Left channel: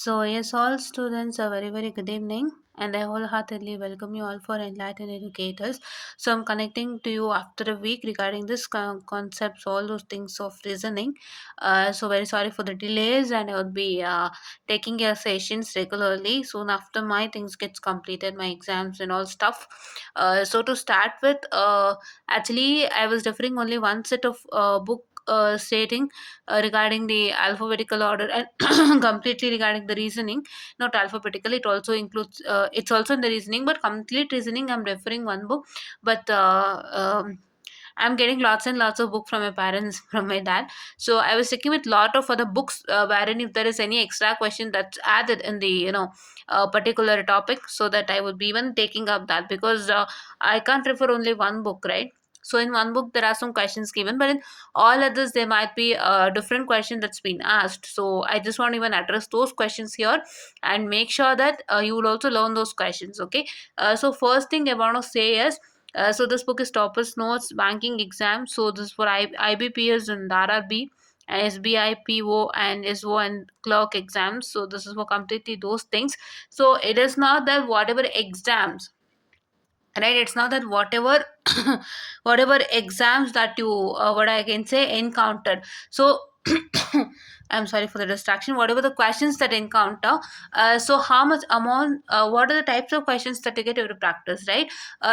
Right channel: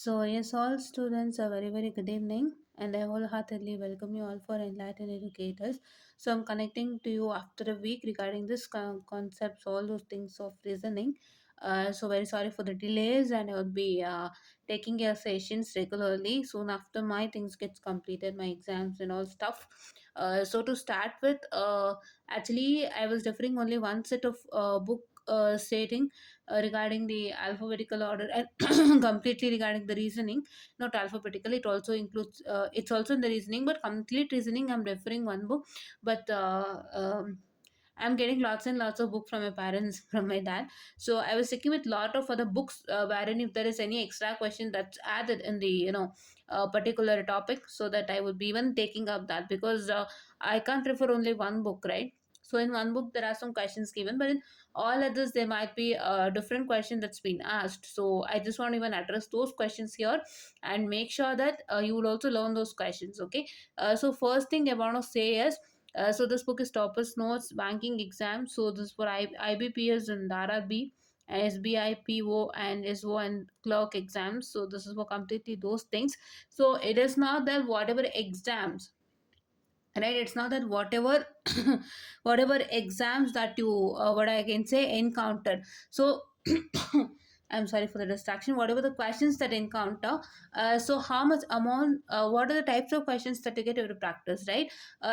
So, yes, all students, a very, very good evening, and I wholeheartedly welcome you all for Enlightened Educators. So, I'm connecting to you after a week regarding this concepts, all those things of reasoning. So, very sorry for the delays, and I would be taking your sessions regularly soon after my things gets completed, my exams and all stuff. So, to start with, actually, I was referring only one set of book. Stating regarding the alphabetical order and completely regarding the reasoning, not alphabetical, it also includes it's also in the reasoning, but complete reasoning I'm referring one book. But I'm getting lots and lots of book from my parents, from my dad. So I was sticking with lot of other books, wherein if there is any extra question that's added in the particular topic, so that I would be even taking up that, because I can't refer only one book, right? So in one book there are some questions given, but in all others there might be a different question that's been asked. So I just want to even address those questions here and make sure that you will also learn those questions. Okay. So first thing I want to say is, so this book is Toppers Notes Banking Exam. So this is for IBPS and RRB and SBI, PO and SO and clerk exams. So this is for completely those things. So it is not that whatever exams, right, it's not that whatever whatever exams that you what I can say encountered. So I'm sorry for the distraction. Whatever the questions that encounter, so how much amount, what are the types of questions that you get to practice, right?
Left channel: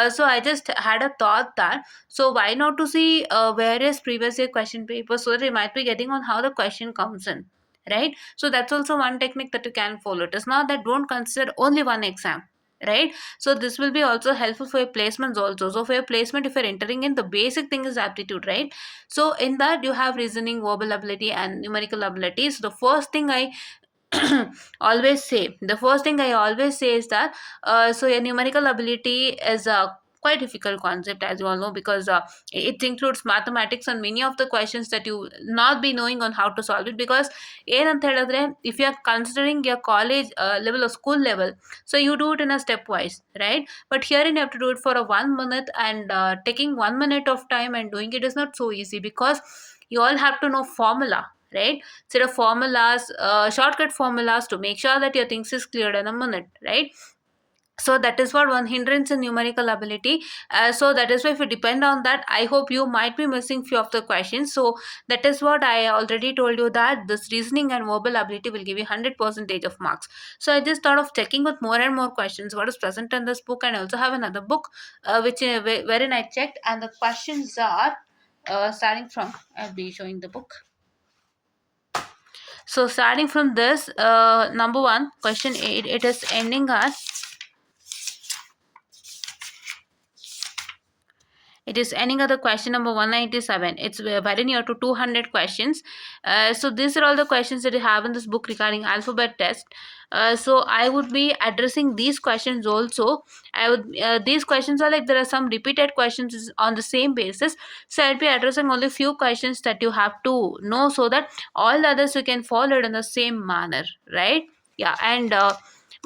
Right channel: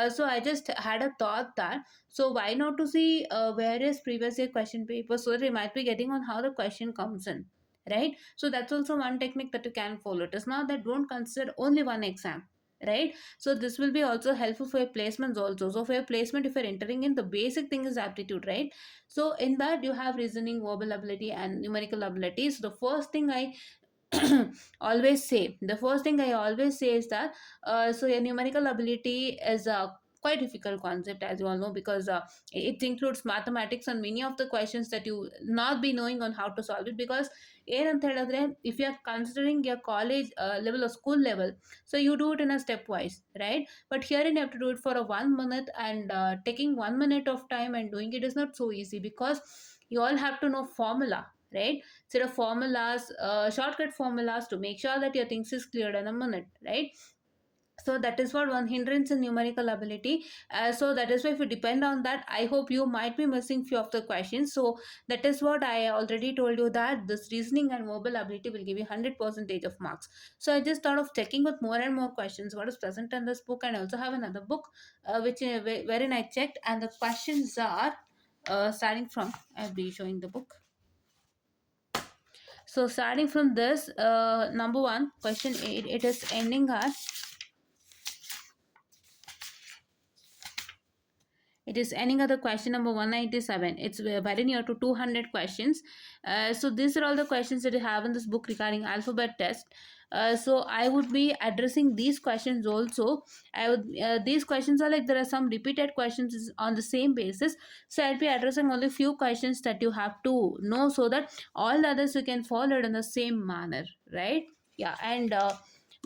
So I just had a thought that, so why not to see various previous year question papers, so that you might be getting on how the question comes in, right? So that's also one technique that you can follow. It is not that don't consider only one exam, right? So this will be also helpful for your placements also. So for your placement, if you're entering in, the basic thing is aptitude, right? So in that you have reasoning, verbal ability and numerical abilities. The first thing I always say is that, so your numerical ability is a quite difficult concept, as you all know, because it includes mathematics and many of the questions that you not be knowing on how to solve it. Because ಏನಂತ ಹೇಳಿದ್ರೆ, if you are considering your college level or school level, so you do it in a stepwise, right? But here you have to do it for a 1 minute, and taking 1 minute of time and doing it is not so easy, because you all have to know formula, right? Set of formulas, shortcut formulas, to make sure that your things is cleared in a minute, right? So that is what one hindrance in numerical ability. So that is why, if you depend on that, I hope you might be missing few of the questions. So that is what I already told you, that this reasoning and verbal ability will give you 100 percentage of marks. So I just thought of checking with more and more questions what is present in this book, and I also have another book, which wherein I checked, and the questions are starting from, I'll be showing the book. So starting from this, number one, question 8, it is ending at, the question number 197. It's very near to 200 questions. So these are all the questions that you have in this book regarding alphabet test. So I would be addressing these questions also. These questions are like, there are some repeated questions on the same basis. So I'll be addressing only few questions that you have to know, so that all the others you can follow it in the same manner, right? Yeah. And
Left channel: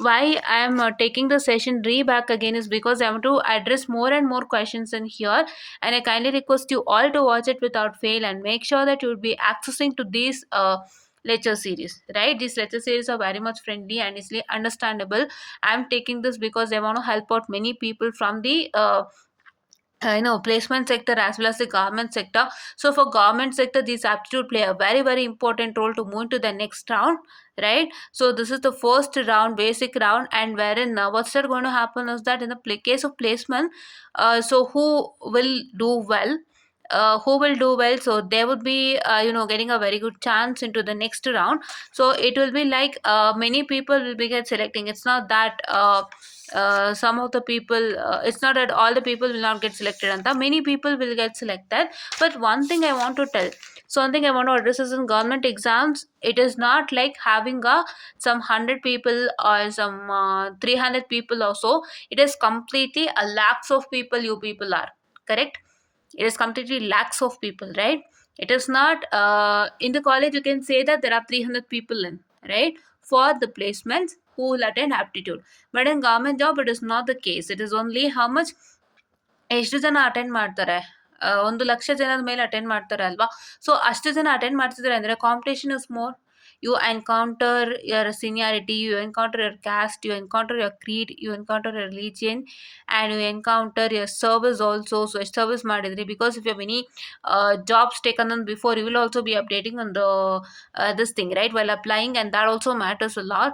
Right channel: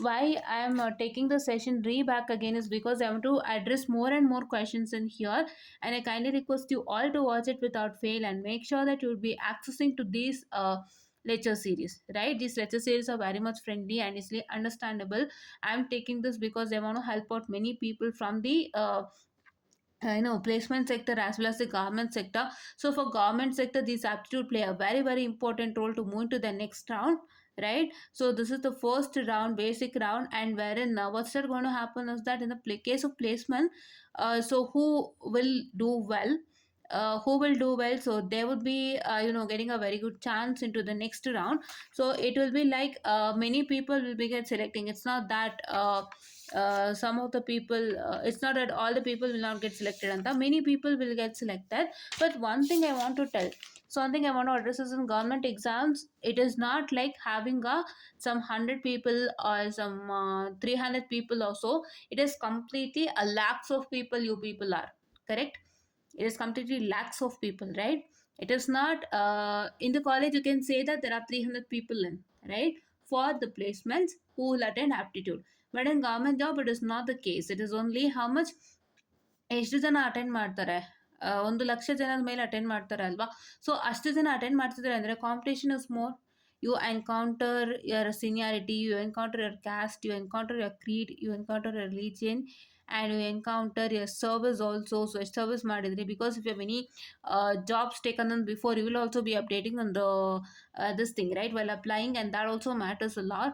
why I am taking the session back again is because I want to address more and more questions in here, and I kindly request you all to watch it without fail, and make sure that you will be accessing to these lecture series, right? These lecture series are very much friendly and easily understandable. I'm taking this because I want to help out many people from the placement sector as well as the government sector. So for government sector, these aptitude play a very, very important role to move to the next round, right? So this is the first round, basic round, and wherein what's that going to happen is that, in the case of placement, so who will do well, so they would be getting a very good chance into the next round. So it will be like, many people will be get selecting. It's not that some of the people, it's not that all the people will not get selected, and the many people will get selected. But one thing I want to tell, something I want to address is, in government exams, it is not like having a some 100 people or some 300 people or so. It is completely a lakhs of people, you people are correct. It is completely lakhs of people, right? It is not, in the college you can say that there are 300 people in, right, for the placements who will attend aptitude. But in government job, it is not the case. It is only how much, ಎಷ್ಟು ಜನ ಅಟೆಂಡ್ ಮಾಡ್ತಾರೆ, 1 ಲಕ್ಷ ಜನದ ಮೇಲೆ ಅಟೆಂಡ್ ಮಾಡ್ತಾರೆ ಅಲ್ವಾ? ಸೊ ಅಷ್ಟು ಜನ ಅಟೆಂಡ್ ಮಾಡ್ತಿದ್ದಾರೆ ಅಂದರೆ competition is more. you encounter your seniority, you encounter your caste, you encounter your creed, you encounter your religion, and you encounter your service also. So service ಮಾಡಿದ್ರಿ, because if you have any jobs taken on before, you will also be updating on the this thing, right, while applying, and that also matters a lot.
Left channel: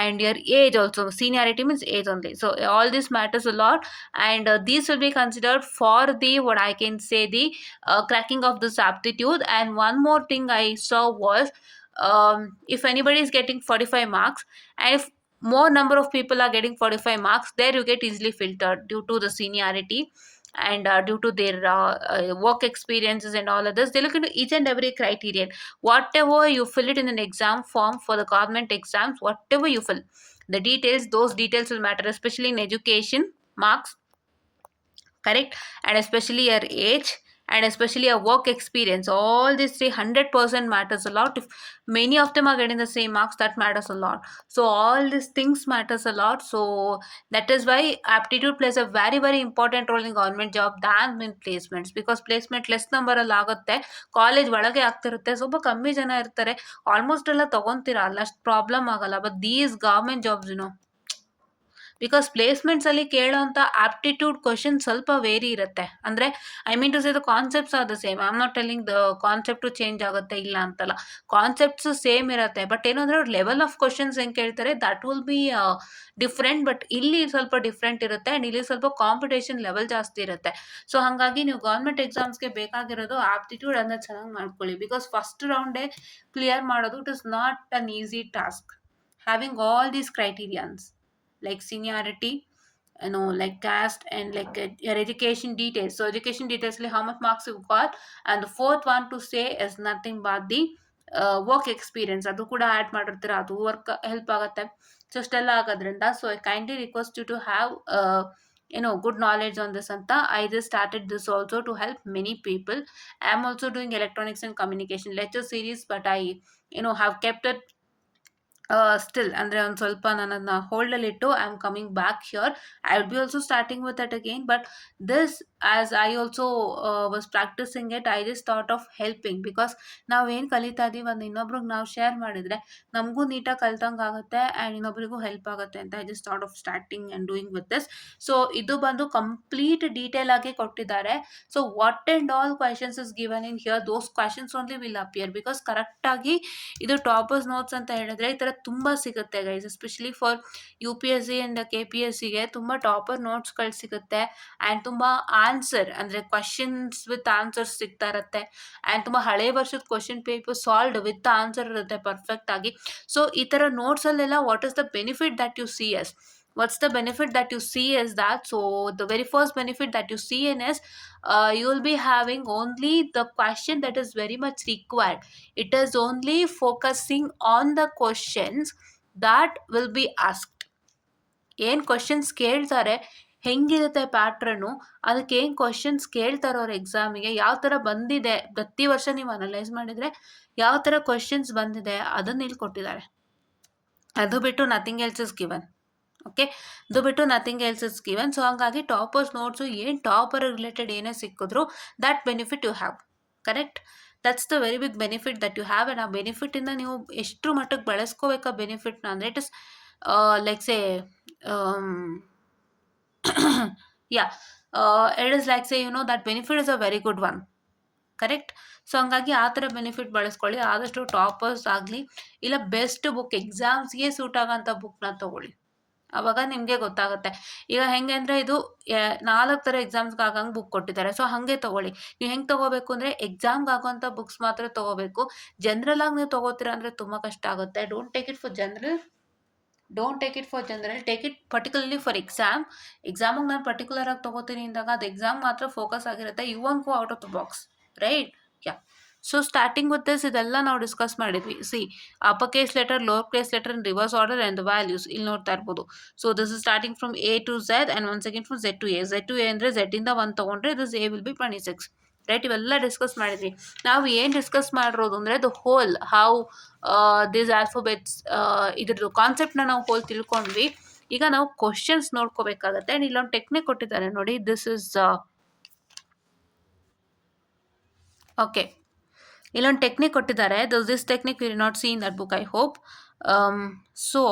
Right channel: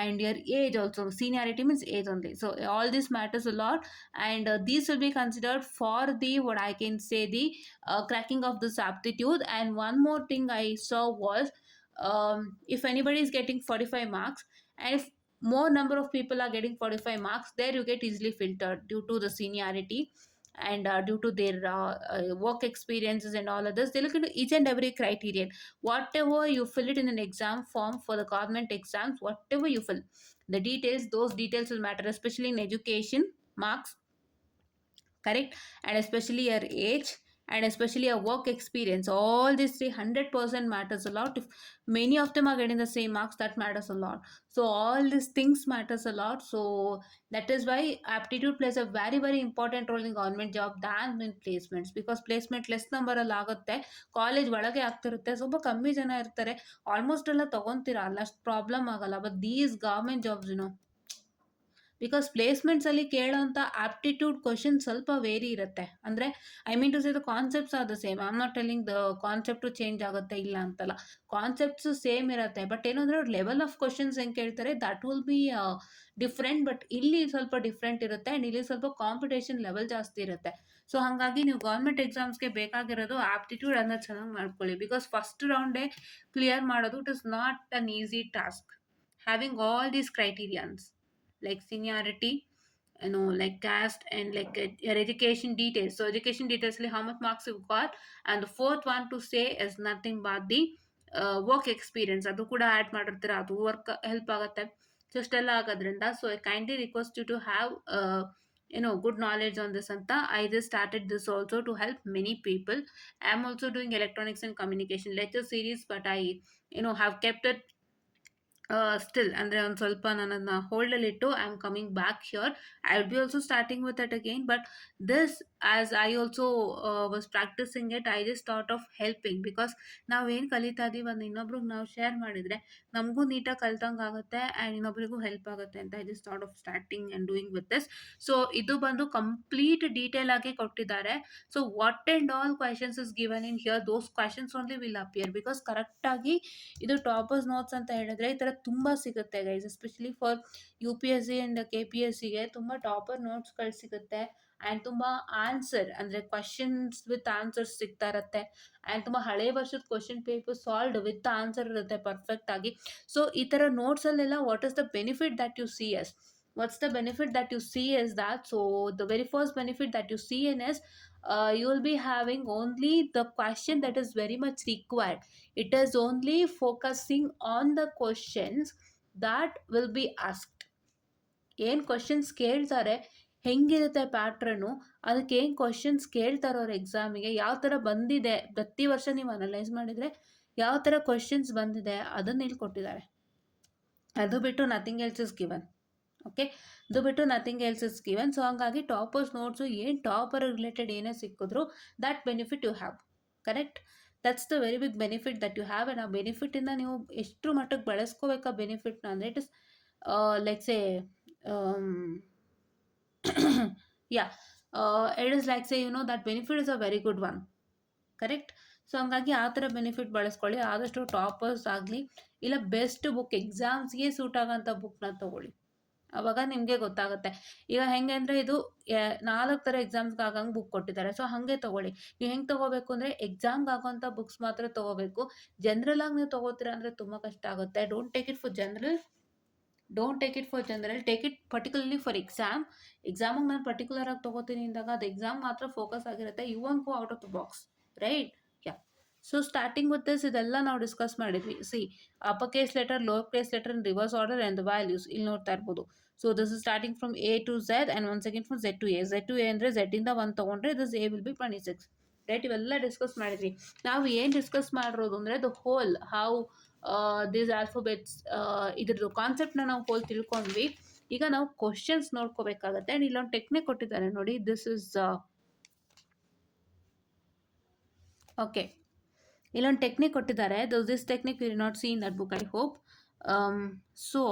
And your age also, seniority means age only, so all this matters a lot. And these will be considered for the, what I can say, the cracking of this aptitude. And one more thing I saw was, if anybody is getting 45 marks, and if more number of people are getting 45 marks, there you get easily filtered due to the seniority, and due to their work experiences and all others. They look into each and every criterion. Whatever you fill it in an exam form for the government exams, whatever you fill, the details, those details will matter, especially in education marks, correct, and especially your age, and especially your work experience. All these 300% matters a lot. If many of them are getting the same marks, that matters a lot. So all these things matters a lot. So that is why aptitude plays a very very important role in government job than in placements, because placement less number ಅಲ್ಲಿ ಆಗುತ್ತೆ, ಕಾಲೇಜ್ ಒಳಗೆ ಆಗ್ತಿರುತ್ತೆ, ಸ್ವಲ್ಪ ಕಮ್ಮಿ ಜನ ಇರ್ತಾರೆ, ಆಲ್ಮೋಸ್ಟ್ ಎಲ್ಲ ತಗೊಂತೀರಾ, ಅಲ್ಲ ಅಷ್ಟು ಪ್ರಾಬ್ಲಮ್ ಆಗಲ್ಲ. But these government jobs because placements ಅಲ್ಲಿ ಕೇಳೋಂಥ ಆಪ್ಟಿಟ್ಯೂಡ್ ಕ್ವಶನ್ ಸ್ವಲ್ಪ ವೇರಿ ಇರುತ್ತೆ. ಅಂದರೆ I mean to say the concepts are the same. I am not telling the concept change ಆಗುತ್ತೆ, ಇಲ್ಲ ಅಂತಲ್ಲ, ಕಾನ್ಸೆಪ್ಟ್ಸ್ ಸೇಮ್ ಇರುತ್ತೆ. ಬಟ್ ಏನಂದ್ರೆ ಅವ್ರು ಲೆವೆಲ್ ಆಫ್ ಕ್ವಶನ್ಸ್ ಹೆಂಗೆ ಕೇಳ್ತಾರೆ, that will be different. But ಇಲ್ಲಿ ಸ್ವಲ್ಪ ಡಿಫ್ರೆಂಟ್ ಇರುತ್ತೆ, ಆ್ಯಂಡ್ ಇಲ್ಲಿ ಸ್ವಲ್ಪ ಕಾಂಪಿಟೇಷನ್ ಲೆವೆಲ್ ಜಾಸ್ತಿ ಇರುತ್ತೆ. ಸೊ ಹಾಗಾಗಿ ನೀವು ಗೌರ್ಮೆಂಟ್ ಎಕ್ಸಾಮ್ಸ್ಗೆ ಬೇಕಾಗಿರೋದು ಆಪ್ಟಿಟ್ಯೂಡ್ ಅನ್ನ ಚೆನ್ನಾಗಿ ಮಾಡ್ಕೊಳ್ಳಿ. ಬಿಕಾಸ್ ಫಸ್ಟ್ ರೌಂಡೇ ಕ್ಲಿಯರ್ ಮಾಡೋದು, it is not an easy task. Having all these criterions like seniority, like caste, and like your education details. So education details, like how much marks you got. And the fourth one to say is nothing but the work experience. ಅದು ಕೂಡ ಆ್ಯಡ್ ಮಾಡಿರ್ತೀರ, ಅದು work help ಆಗುತ್ತೆ. So ಅಷ್ಟೆಲ್ಲ ಆಗೋದ್ರಿಂದ, so I kindly request you to have good knowledge on this anta. I just started this also to help many people. I am also doing electronics and communication lecture series, but I have kept it still ಅಂದರೆ ಒಂದು ಸ್ವಲ್ಪ ನಾನು ಅದನ್ನ ಹೋಲ್ಡಲ್ಲಿಟ್ಟು I am coming back here. I will be also starting with that again. But this as I also was practising it, I just thought of helping. Because ನಾವೇನು ಕಲಿತಾ ಇದೀವಿ ಒಂದು ಇನ್ನೊಬ್ರಿಗೆ ನಾವು ಶೇರ್ ಮಾಡಿದರೆ ನಮಗೂ ನೀಟಾಗಿ ಕಲ್ತಂಗೆ ಆಗುತ್ತೆ, ಆ್ಯಂಡ್ ಇನ್ನೊಬ್ರಿಗೂ ಹೆಲ್ಪ್ ಆಗುತ್ತೆ ಅಂತ I just thought of starting and doing with this. So ಇದು ಬಂದು ಕಂಪ್ಲೀಟ್ ಡೀಟೇಲ್ ಆಗಿ ಕೊಟ್ಟಿದ್ದಾರೆ. So what and all questions is given in here, those questions only will appear. Because ಕರೆಕ್ಟಾಗಿ ಇದು ಟಾಪರ್ಸ್ ನೋಟ್ಸ್ ಅಂತ ಹೇಳಿದ್ರೆ ಈ ಥರ ತುಂಬ ಸಿಗುತ್ತೆ guys, especially for U P S C and K P S ಸಿಗೆ ತುಂಬ ಟಾಪರ್ ನೋಟ್ಸ್ಗಳು ಸಿಗುತ್ತೆ. ಆ್ಯಂಡ್ ತುಂಬ ಆನ್ಸರ್ ಅಂದರೆ ಕ್ವಶನ್ಸ್ ವಿತ್ ಆನ್ಸರ್ಸ್ ಸಿಗ್ತಾ ಇರುತ್ತೆ. ಆ್ಯಂಡ್ ತುಂಬ ಹಳೆ ವರ್ಷದ question paper solved with answer ಇರುತ್ತೆ ಪರ್ಫೆಕ್ಟ್ ಆಗಿ. ಸೊ ಈ ಥರ ನೋಟ್ಸಲ್ಲೆಲ್ಲ what is the benefit that you see yes, what's the benefit that you see is that, so the very first benefit that you see in is you will be having only the question that is very much required. It is only focusing on the questions that will be asked. ಏನು ಕ್ವಶನ್ಸ್ ಕೇಳ್ತಾರೆ, ಹೆಂಗಿರುತ್ತೆ ಪ್ಯಾಟ್ರನು, ಅದಕ್ಕೆ ಏನು ಕ್ವಶನ್ಸ್ ಕೇಳ್ತಾರೆ ಅವ್ರ ಎಕ್ಸಾಮಿಗೆ, ಯಾವ ಥರ ಬಂದಿದೆ, ಪ್ರತಿ ವರ್ಷ ನೀವು ಅನಲೈಸ್ ಮಾಡಿದರೆ ಯಾವ ಥರ ಕ್ವಶನ್ಸ್ ಬಂದಿದೆ ಅದನ್ನ ಇಲ್ಲಿ ಕೊಟ್ಟಿದ್ದಾರೆ. ಅದು ಬಿಟ್ಟು nothing else is given. Okay, ಅದು ಬಿಟ್ಟು nothing else is given. So ಹಾಗಾಗಿ ಟಾಪರ್ಸ್ ನೋಟ್ಸು ಏನು ಟಾಪರ್ ರಿಲೇಟೆಡ್ ಏನೇ ಸಿಕ್ಕಿದ್ರು that benefit you have, correct. That's the very big benefit that you have. And ಆ ಬೆನಿಫಿಟಿಂದ ನೀವು ಎಷ್ಟು ಮಟ್ಟಕ್ಕೆ ಬಳಸ್ಕೋಬೇಕಾ ಬೆನಿಫಿಟ್ನ ಅಂದರೆ, it is like say yeah it is like say that benefit is a very good one, correct. So ಹಂಗಾಗಿ ಆ ಥರ ಬೆನಿಫಿಟ್ ಬಳಸ್ಕೊಳ್ಳಿ. ಆದಷ್ಟು ಟಾಪರ್ಸ್ ಆಗಲಿ ಇಲ್ಲ ಬೆಸ್ಟ್ ಬುಕ್, ಎಕ್ಸಾಮ್ಸ್ಗೆ ಸೂಟ್ ಆಗೋಂಥ ಬುಕ್ನ ತೊಗೊಳ್ಳಿ, ಆವಾಗ ನಿಮಗೆ ಗೊತ್ತಾಗುತ್ತೆ. ಈಗ ಹೆಂಗೆ ಅಂದರೆ ಇದು 4 ಥರ ಎಕ್ಸಾಮ್ಸ್ಗೆ ಆಗಂಗೆ ಬುಕ್ ಕೊಟ್ಟಿದ್ದಾರೆ. ಸೊ ಹಾಗೆ ತೊಗೊಳ್ಳಿ. ನೀವು ಹೆಂಗೆ ತೊಗೋಬೇಕು ಅಂದರೆ ಎಕ್ಸಾಮ್ಗೆ ಆಗೋಂಥ ಬುಕ್ಸ್ ಮಾತ್ರ ತೊಗೋಬೇಕು. ಜನರಲ್ ಆಗಿ ನೀವು ತೊಗೋತೀರಾ ಅಂದರೆ ತುಂಬ ಕಷ್ಟ ಆಗುತ್ತೆ. Don't take it for general, take it particularly for exam. ಎಕ್ಸಾಮಿಗೆ ನಾನು ಪರ್ಟಿಕ್ಯುಲರ್ ಆಗಿ ತೊಗೋತೀನಿ ಅಂದಾಗ ಅದು ಎಕ್ಸಾಮ್ ಮಾತ್ರ ಫೋಕಸ್ ಆಗಿರುತ್ತೆ. You want go out of the box, right? Yeah. So starting with this ಇದೆಲ್ಲ ನಾವು ಡಿಸ್ಕಸ್ ಮಾಡಿದ್ವಿ. See, upper case letter, lower case letter in reverse order and the values ಇಲ್ಲಿ ನೋಡ್ತಾ ಇರ್ಬೋದು. So this is starting from A to Z and one second from Z to A. Z to A ಅಂದರೆ ಝೆಡ್ಡಿಂದ 1 ತೊಗೊಂಡ್ರೆ this A will be 26, right? ಇವೆಲ್ಲ discuss ಮಾಡಿದ್ವಿ. ನಾವು ಏನು ಡಿಸ್ಕಸ್ ಮಾಡಿರೋದು ಅಂದರೆ the whole how this alphabets, ಇದ್ರದ್ದು ಕಾನ್ಸೆಪ್ಟ್ನ ನಾವು ಹೋಲ್ ತಿಳ್ಕೊಂಡ್ವಿ. ಈಗ ನಾವು ಕ್ವಶನ್ಸ್ ನೋಡ್ಕೋಬೇಕಾಗತ್ತೆ. ಆ್ಯಂಡ್ ಇಲ್ಲೊಂದು ಟೆಕ್ನಿಕ್ ಕೊಟ್ಟಿದ್ದಾರೆ ನೋಡಿ, ದಿಸ್ ಇಸ್ ಓಕೆ. ಇಲ್ಲೊಂದು ಟೆಕ್ನಿಕ್ ಕೊಟ್ಟಿದ್ದಾರೆ. This technique will not see in that book I hope. So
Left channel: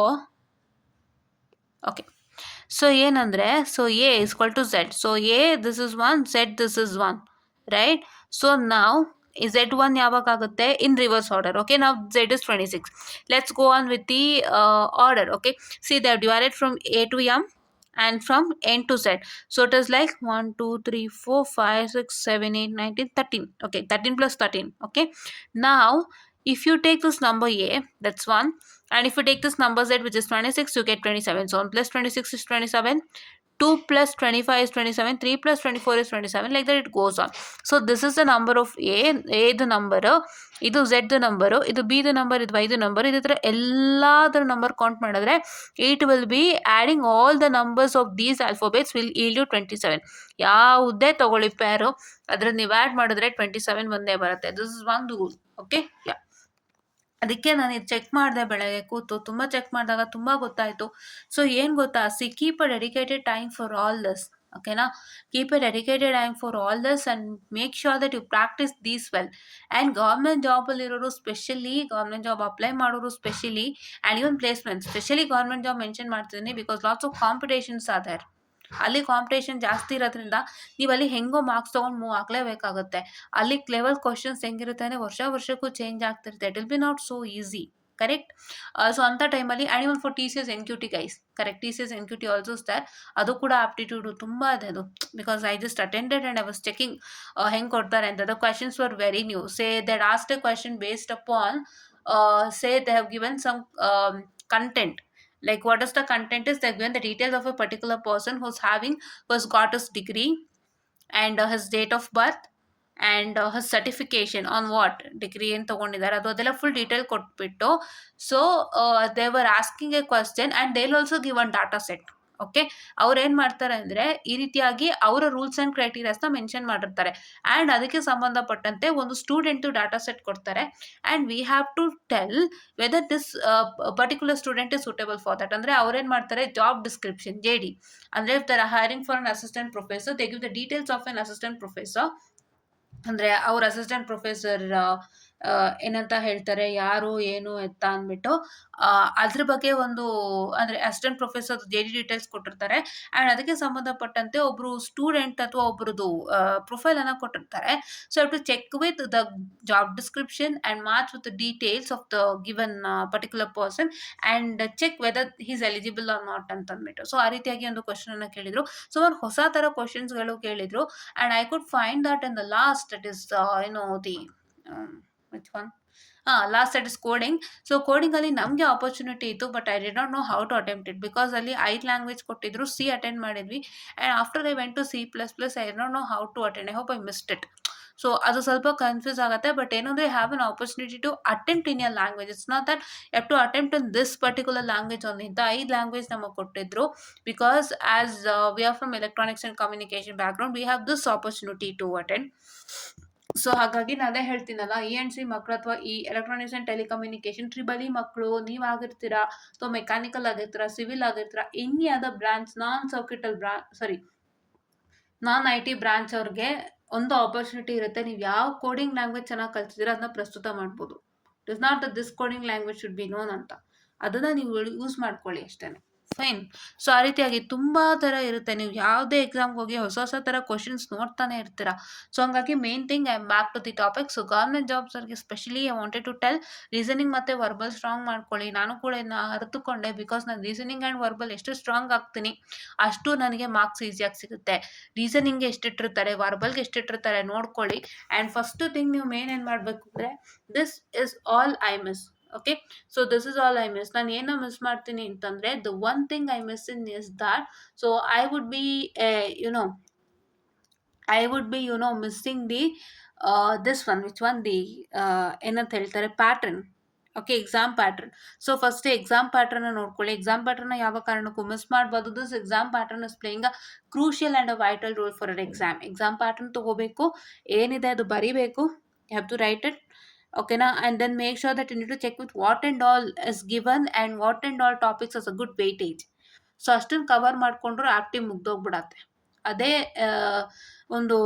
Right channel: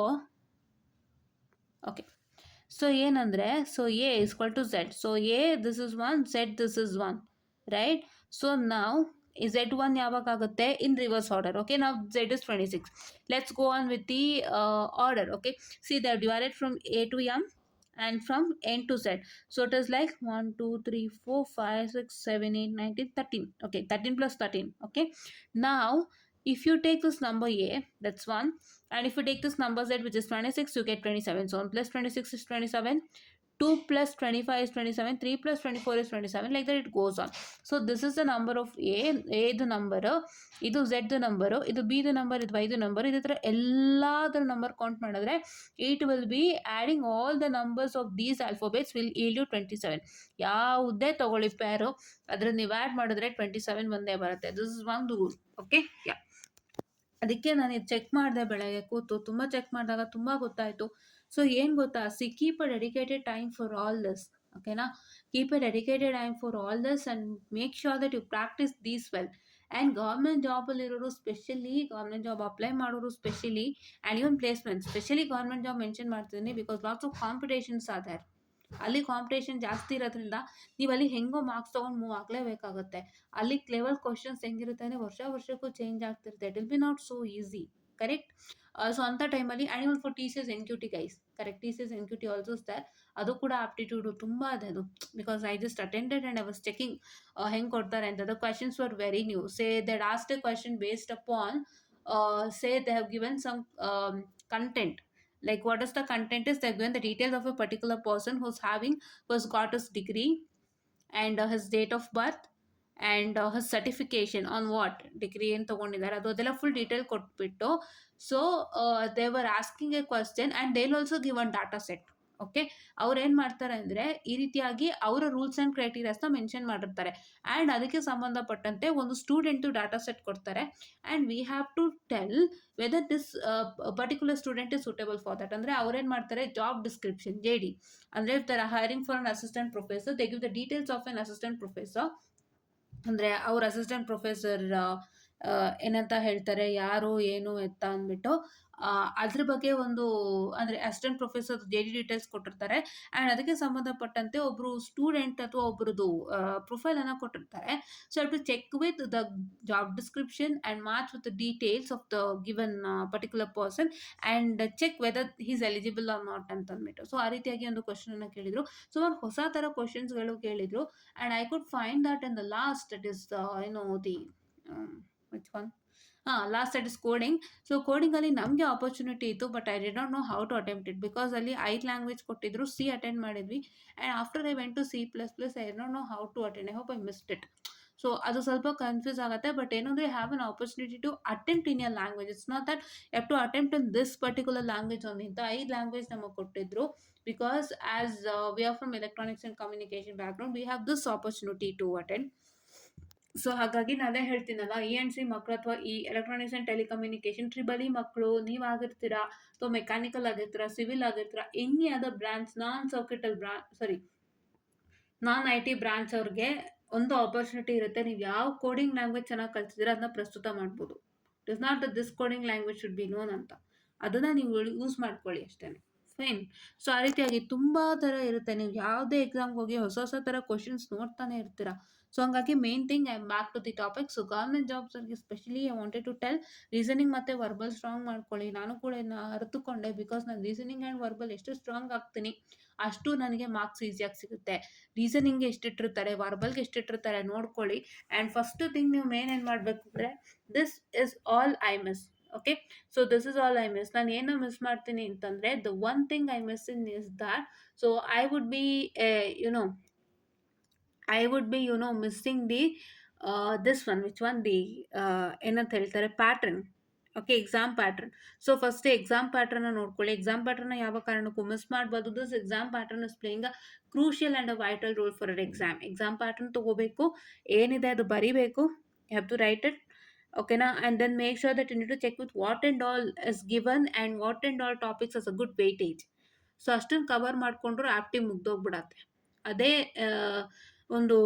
okay, so ಏನಂದರೆ, so A is equal to Z. So A this is one, Z this is one, right? So ನಾವು Z one ಯಾವಾಗ ಆಗುತ್ತೆ? In reverse order. Okay, ನಾವು Z is 26. Let's go on with the order. Okay, see they are divided from A to M and from n to z. So it is like 1 2 3 4 5 6 7 8 9 10 13. Okay, 13 plus 13. Okay, now if you take this number a, that's 1, and if you take this number z, which is 26, you get 27. So 1 plus 26 is 27, 2 plus 25 is 27, 3 plus 24 is 27, like that it goes on. So this is the number of a the number, ಇದು z the number, ಇದು b the number, ಇದು y the number. ಇದೇ ಥರ ಎಲ್ಲದರ number count ಮಾಡಿದ್ರೆ it will be adding all the numbers of these alphabets will yield you 27. ಯಾವುದೇ ತಗೊಳ್ಳಿ ಪೇರು, ಅದ್ರಲ್ಲಿ ನೀವು ಆ್ಯಡ್ ಮಾಡಿದ್ರೆ 27 ಬಂದೇ ಬರುತ್ತೆ. This is one rule. Okay, yeah, ಅದಕ್ಕೆ ನಾನು ಇದು ಚೆಕ್ ಮಾಡಿದೆ ಬೆಳಗ್ಗೆ ಕೂತು, ತುಂಬ ಚೆಕ್ ಮಾಡಿದಾಗ ತುಂಬ ಗೊತ್ತಾಯಿತು. ಸೊ ಏನು ಗೊತ್ತಾ, keep a dedicated time for all this. ಓಕೆನಾ, keep a dedicated time for all this and make sure that you practise these well. And government ಜಾಬಲ್ಲಿರೋರು ಸ್ಪೆಷಲಿ, ಗೌರ್ಮೆಂಟ್ ಜಾಬ್ ಅಪ್ಲೈ ಮಾಡೋರು specially, and even placement specially government job mention ಮಾಡ್ತಿದ್ದೀನಿ because lots of competitions are there. ಅಲ್ಲಿ competition ಜಾಸ್ತಿ ಇರೋದ್ರಿಂದ ನೀವು ಅಲ್ಲಿ ಹೆಂಗೋ ಮಾರ್ಕ್ಸ್ ತೊಗೊಂಡು ಮೂವ್ ಆಗಲೇಬೇಕಾಗುತ್ತೆ. ಅಲ್ಲಿ ಲೆವೆಲ್ ಕ್ವಶನ್ಸ್ ಹೆಂಗಿರುತ್ತೆ ಅಂದರೆ ವರ್ಷಕ್ಕೂ ಚೇಂಜ್ ಆಗ್ತಿರುತ್ತೆ. It will be not so easy, correct? So ಅಂಥ ಟೈಮಲ್ಲಿ and even for T C S N Q T guys, correct, T C S N Q T also star, ಅದು ಕೂಡ ಆಪ್ಟಿಟ್ಯೂಡು ತುಂಬ ಇದೆ ಅದು. Because I just attended and I was checking ಹೆಂಗೆ ಕೊಡ್ತಾರೆ ಅಂತ. The questions were very new. Say that asked a question based upon, say they have given some content, like what is the content is they've given the details of a particular person who's got his degree and his date of birth and his certification on what degree ಏನು ತೊಗೊಂಡಿದ್ದಾರೆ ಅದು ಅದೆಲ್ಲ full detail ಕೊಟ್ಬಿಟ್ಟು. So they were asking a question and they will also give one data set. Okay, ಅವ್ರು ಏನು ಮಾಡ್ತಾರೆ ಅಂದರೆ ಈ ರೀತಿಯಾಗಿ ಅವರ ರೂಲ್ಸ್ ಆ್ಯಂಡ್ ಕ್ರೈಟೀರಿಯಾಸ್ನ ಮೆನ್ಷನ್ ಮಾಡಿರ್ತಾರೆ. ಆ್ಯಂಡ್ ಅದಕ್ಕೆ ಸಂಬಂಧಪಟ್ಟಂತೆ ಒಂದು ಸ್ಟೂಡೆಂಟು ಡಾಟಾ ಸೆಟ್ ಕೊಡ್ತಾರೆ. And we have to tell whether this particular student is suitable for that. ಅಂದರೆ ಅವ್ರೇನು ಮಾಡ್ತಾರೆ, ಜಾಬ್ ಡಿಸ್ಕ್ರಿಪ್ಷನ್ JD, ಅಂದರೆ if they're hiring for an assistant professor they give the details of N assistant professor. ಅಂದರೆ ಅವ್ರ assistant professor ಏನಂತ ಹೇಳ್ತಾರೆ, ಯಾರು ಏನು ಎತ್ತ ಅಂದ್ಬಿಟ್ಟು ಅದ್ರ ಬಗ್ಗೆ ಒಂದು, ಅಂದರೆ ಅಸಿಸ್ಟೆಂಟ್ ಪ್ರೊಫೆಸರ್ JD ಡೀಟೇಲ್ಸ್ ಕೊಟ್ಟಿರ್ತಾರೆ. ಆ್ಯಂಡ್ ಅದಕ್ಕೆ ಸಂಬಂಧಪಟ್ಟಂತೆ ಒಬ್ಬರು ಸ್ಟೂಡೆಂಟ್ ಅಥವಾ ಒಬ್ರದ್ದು ಪ್ರೊಫೈಲನ್ನು ಕೊಟ್ಟಿರ್ತಾರೆ. So to check with the job description and match with the details of the given particular person and check whether he's eligible or not ಅಂತಂದ್ಬಿಟ್ಟು. ಸೊ ಆ ರೀತಿಯಾಗಿ ಒಂದು ಕ್ವಶನನ್ನು ಕೇಳಿದರು. ಸೊ ಒಂದು ಹೊಸ ಥರ ಕ್ವಶನ್ಸ್ಗಳು ಕೇಳಿದರು. And I could find that in the last that is the which one? Last that is coding. So ಕೋಡಿಂಗಲ್ಲಿ ನಮಗೆ ಆಪರ್ಚುನಿಟಿ ಇತ್ತು, but I did not know how to attempt it because ಅಲ್ಲಿ 5 ಲ್ಯಾಂಗ್ವೇಜ್ ಕೊಟ್ಟಿದ್ರು. ಸಿ ಅಟೆಂಡ್ ಮಾಡಿದ್ವಿ and after I went to C++, I did not know how to attend. I hope I missed it. So ಅದು ಸ್ವಲ್ಪ confuse ಆಗುತ್ತೆ. But ಏನಂದರೆ have an opportunity to attempt in your language. It's not that you have to attempt in this particular language only. ಇಂಥ 5 language ನಮಗೆ ಕೊಟ್ಟಿದ್ರು because as we are from electronics and communication background we have this opportunity to attend. So ಹಾಗಾಗಿ ನಾನು ಅದೇ ಹೇಳ್ತೀನಲ್ಲ, E&C ಮಕ್ಕಳು ಅಥವಾ ಈ ಎಲೆಕ್ಟ್ರಾನಿಕ್ಸ್ ಆ್ಯಂಡ್ ಟೆಲಿಕಮ್ಯುನಿಕೇಷನ್ E ಮಕ್ಕಳು ನೀವಾಗಿರ್ತೀರಾ, ಸೊ ಮೆಕ್ಯಾನಿಕಲ್ ಆಗಿರ್ತೀರಾ, ಸಿವಿಲ್ ಆಗಿರ್ತೀರಾ, any other branch non IT branch ಅವ್ರಿಗೆ ಒಂದು ಆಪರ್ಚುನಿಟಿ ಇರುತ್ತೆ. ನೀವು ಯಾವ ಕೋಡಿಂಗ್ ಲ್ಯಾಂಗ್ವೇಜ್ ಚೆನ್ನಾಗಿ ಕಲ್ತಿದ್ದೀರಾ ಅದನ್ನ ಪ್ರಸ್ತುತ ಮಾಡ್ಬೋದು. It is not this coding language should be known ಅಂತ. ಅದನ್ನು ನೀವು ಯೂಸ್ ಮಾಡ್ಕೊಳ್ಳಿ ಅಷ್ಟೇ. ಫೈನ್. ಸೊ ಆ ರೀತಿಯಾಗಿ ತುಂಬ ಥರ ಇರುತ್ತೆ. ನೀವು ಯಾವುದೇ ಎಕ್ಸಾಮ್ಗೆ ಹೋಗಿ ಹೊಸ ಥರ ಕ್ವಶನ್ಸ್ ನೋಡ್ತಾನೆ ಇರ್ತೀರ. ಸೊ ಹಂಗಾಗಿ main thing I am back to the topic. So government ಜಾಬ್ಸವ್ರಿಗೆ specially I wanted to tell, reasoning ಮತ್ತು ವರ್ಬಲ್ ಸ್ಟ್ರಾಂಗ್ ಮಾಡ್ಕೊಳ್ಳಿ. ನಾನು ಕೂಡ ಇದನ್ನ ಅರಿತುಕೊಂಡೆ ಬಿಕಾಸ್ ನಾನು ರೀಸನಿಂಗ್ ಆ್ಯಂಡ್ ವರ್ಬಲ್ ಎಷ್ಟು ಸ್ಟ್ರಾಂಗ್ ಆಗ್ತೀನಿ ಅಷ್ಟು ನನಗೆ ಮಾರ್ಕ್ಸ್ ಈಸಿಯಾಗಿ ಸಿಗುತ್ತೆ. ರೀಸನಿಂಗ್ಗೆ ಎಷ್ಟಿಟ್ಟಿರ್ತಾರೆ, ವರ್ಬಲ್ಗೆ ಎಷ್ಟಿಟ್ಟಿರ್ತಾರೆ ನೋಡ್ಕೊಳ್ಳಿ. ಆ್ಯಂಡ್ ಫಸ್ಟ್ ಥಿಂಗ್ ನೀವು ಮೇನ್ ಏನು ಮಾಡಬೇಕು ಅಂದರೆ, this is all I miss. Okay, so this is all I miss. ನಾನು ಏನೋ ಮಿಸ್ ಮಾಡ್ತೀನಿ ಅಂತಂದರೆ, the one thing I miss in is that, so I would be missing the this one, which one the ಏನಂತ ಹೇಳ್ತಾರೆ, pattern. Okay, exam pattern. So first exam ಪ್ಯಾಟ್ರನ್ನ ನೋಡ್ಕೊಳ್ಳಿ. Exam ಪ್ಯಾಟ್ರನ್ನ ಯಾವ ಕಾರಣಕ್ಕೂ ಮಿಸ್ ಮಾಡ್ಬೋದು. This exam pattern is playing a crucial and a vital role for an exam. Exam pattern ತೊಗೋಬೇಕು, ಏನಿದೆ ಅದು ಬರಿಬೇಕು, you have to write it. ಓಕೆನಾ, and then make sure that you need to check with what and all is given and what and all topics has a good weightage. So ಅಷ್ಟನ್ನು cover ಮಾಡಿಕೊಂಡ್ರು active ಮುಗ್ದೋಗ್ಬಿಡತ್ತೆ. ಅದೇ ಒಂದು